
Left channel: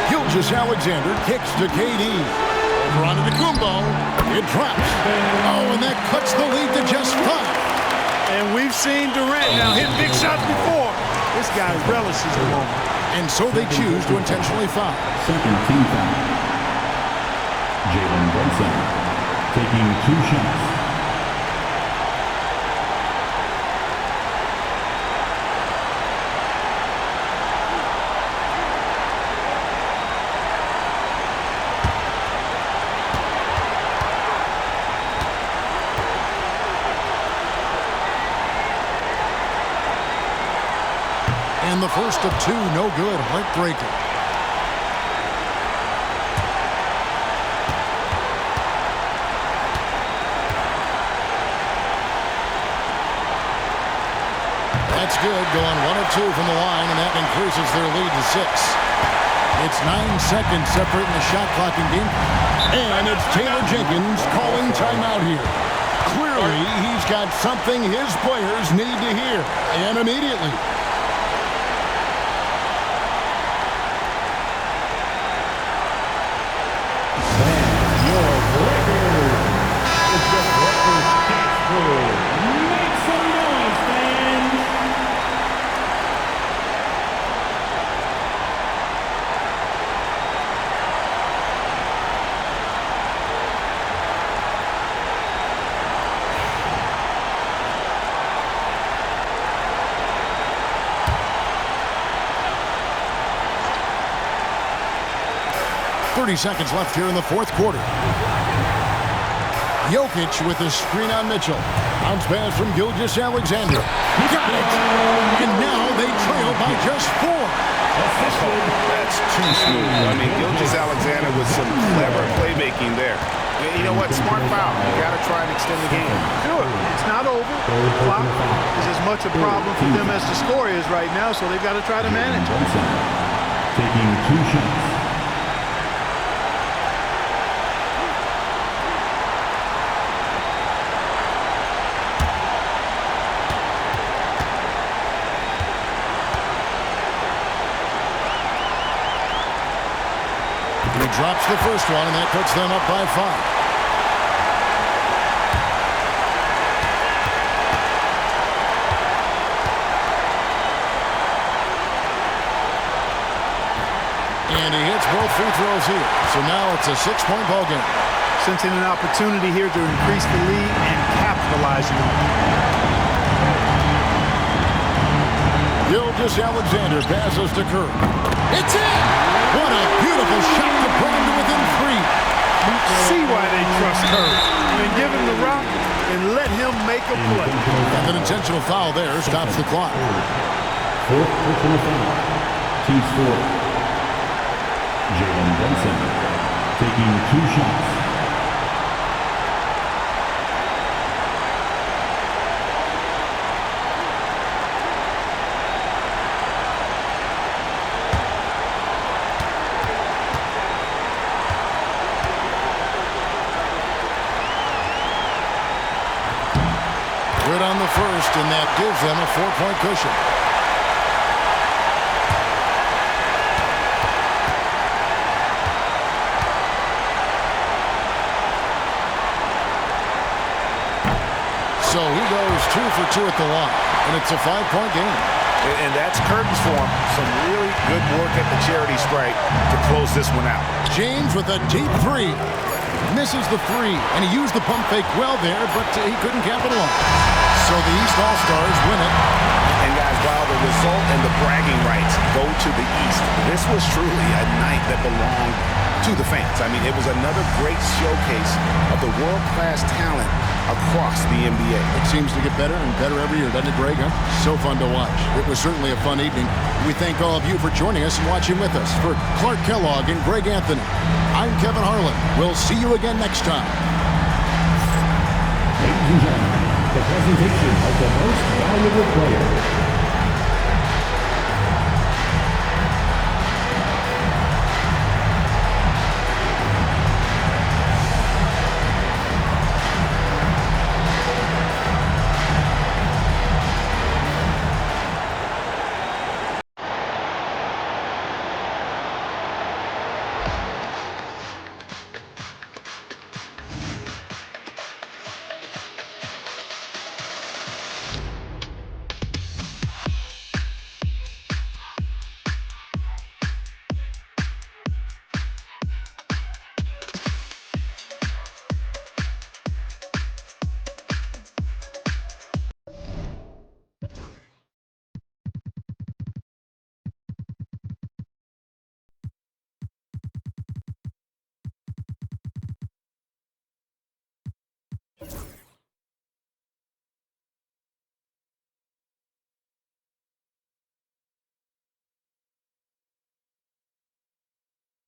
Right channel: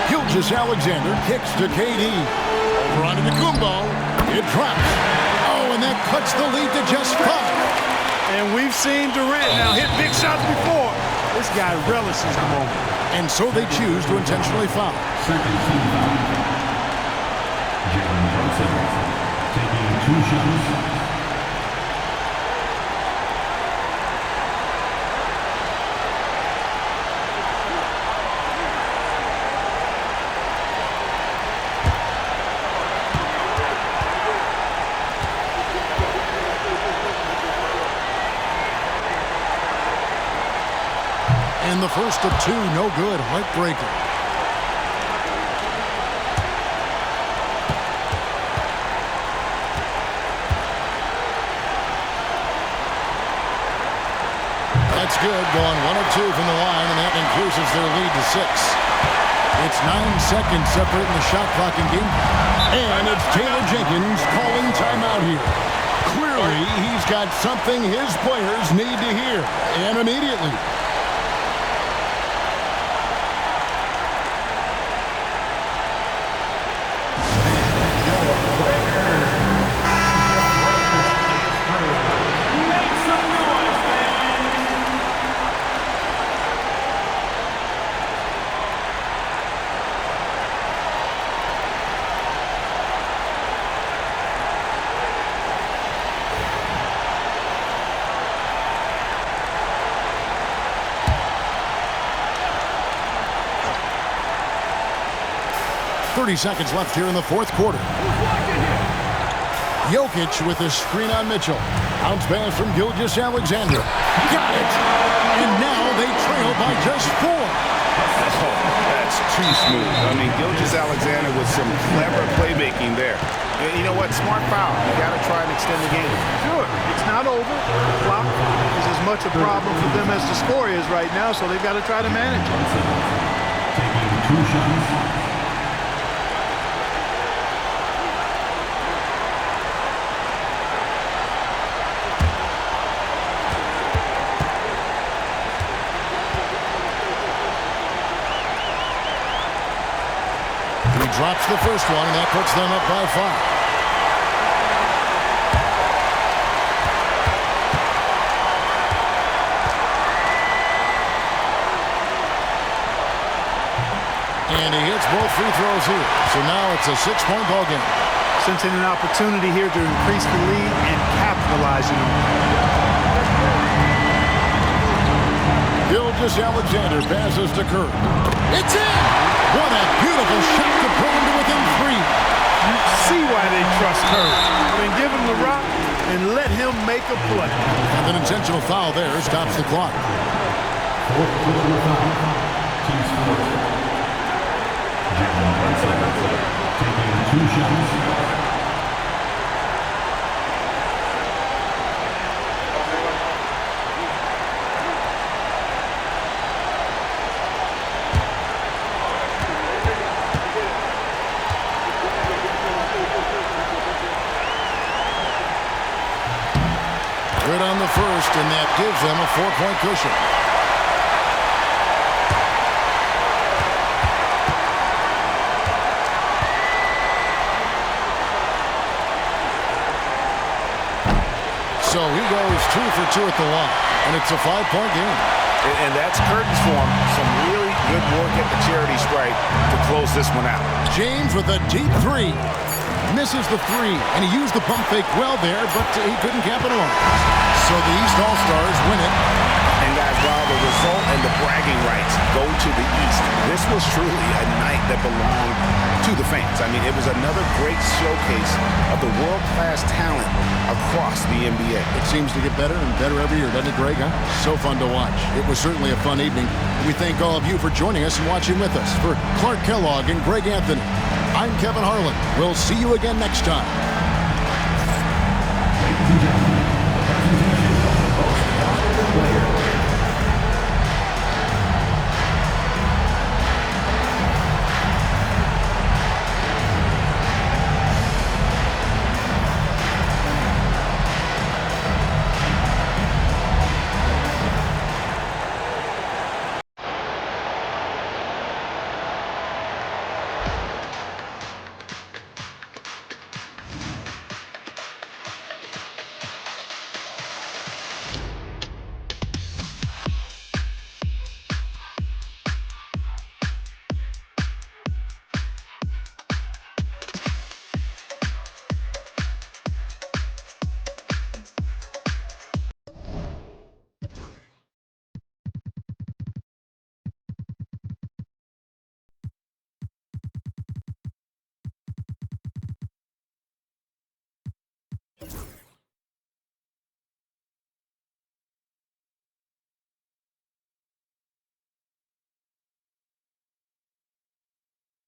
Gilgeous-Alexander kicks to KD. Over onto Kumbo. It drops. Oh, and that cuts the lead to just 5. And we've seen Durant now hit big shots before. This guy relishes the moment. And so they choose to intentionally foul. Second team foul. Jalen Brunson taking 2 shots. And the first of 2, no good. Heartbreaker. That's good. Going 1 of 2 from the line, and that increases their lead to 6. It's 9 seconds separating the shot clock and game clock. And it's Taylor Jenkins calling timeout here. Clearly, he's got something his players need to hear, and immediately. Make some noise, fans! 30 seconds left here in the fourth quarter. Jokic with a screen on Mitchell. Bounce pass from Gilgeous-Alexander. Got it! And now they trail by just 4. Oh, that's too smooth. I mean, Gilgeous-Alexander with some clever playmaking there. You know what? Smart foul. You got to try and extend the game. Sure, it's not over. The clock is as much a problem for them as the score is right now, so they've got to try to manage it. Brunson taking 2 shots. He drops the first one, and that puts them up by 5. And he hits both free throws here. So now it's a 6-point ball game. Sensing an opportunity here to increase the lead and capitalizing on it. Gilgeous-Alexander passes to Kerr. It's in! What a beautiful shot to bring him to within 3. You see why they trust Curry. I mean, give him the rock and let him make a play. And an intentional foul there stops the clock. 4th personal foul. Team score. Jalen Brunson taking 2 shots. Good on the first, and that gives them a 4-point cushion. So he goes 2 for 2 at the line, and it's a 5-point game. And that's curtains for him. Some really good work at the charity stripe to close this one out. James with a deep 3. Misses the 3, and he used the pump fake well there, but he couldn't capitalize. So the East All-Stars win it. And guys, while the result and the bragging rights go to the East, this was truly a night that belonged to the fans. I mean, it was another great showcase of the world-class talent across the NBA. It seems to get better and better every year, doesn't it, Greg? Huh? So fun to watch. It was certainly a fun evening. We thank all of you for joining us and watching with us. For Clark Kellogg and Greg Anthony, I'm Kevin Harlan. We'll see you again next time. Ladies and gentlemen, the presentation of the most valuable player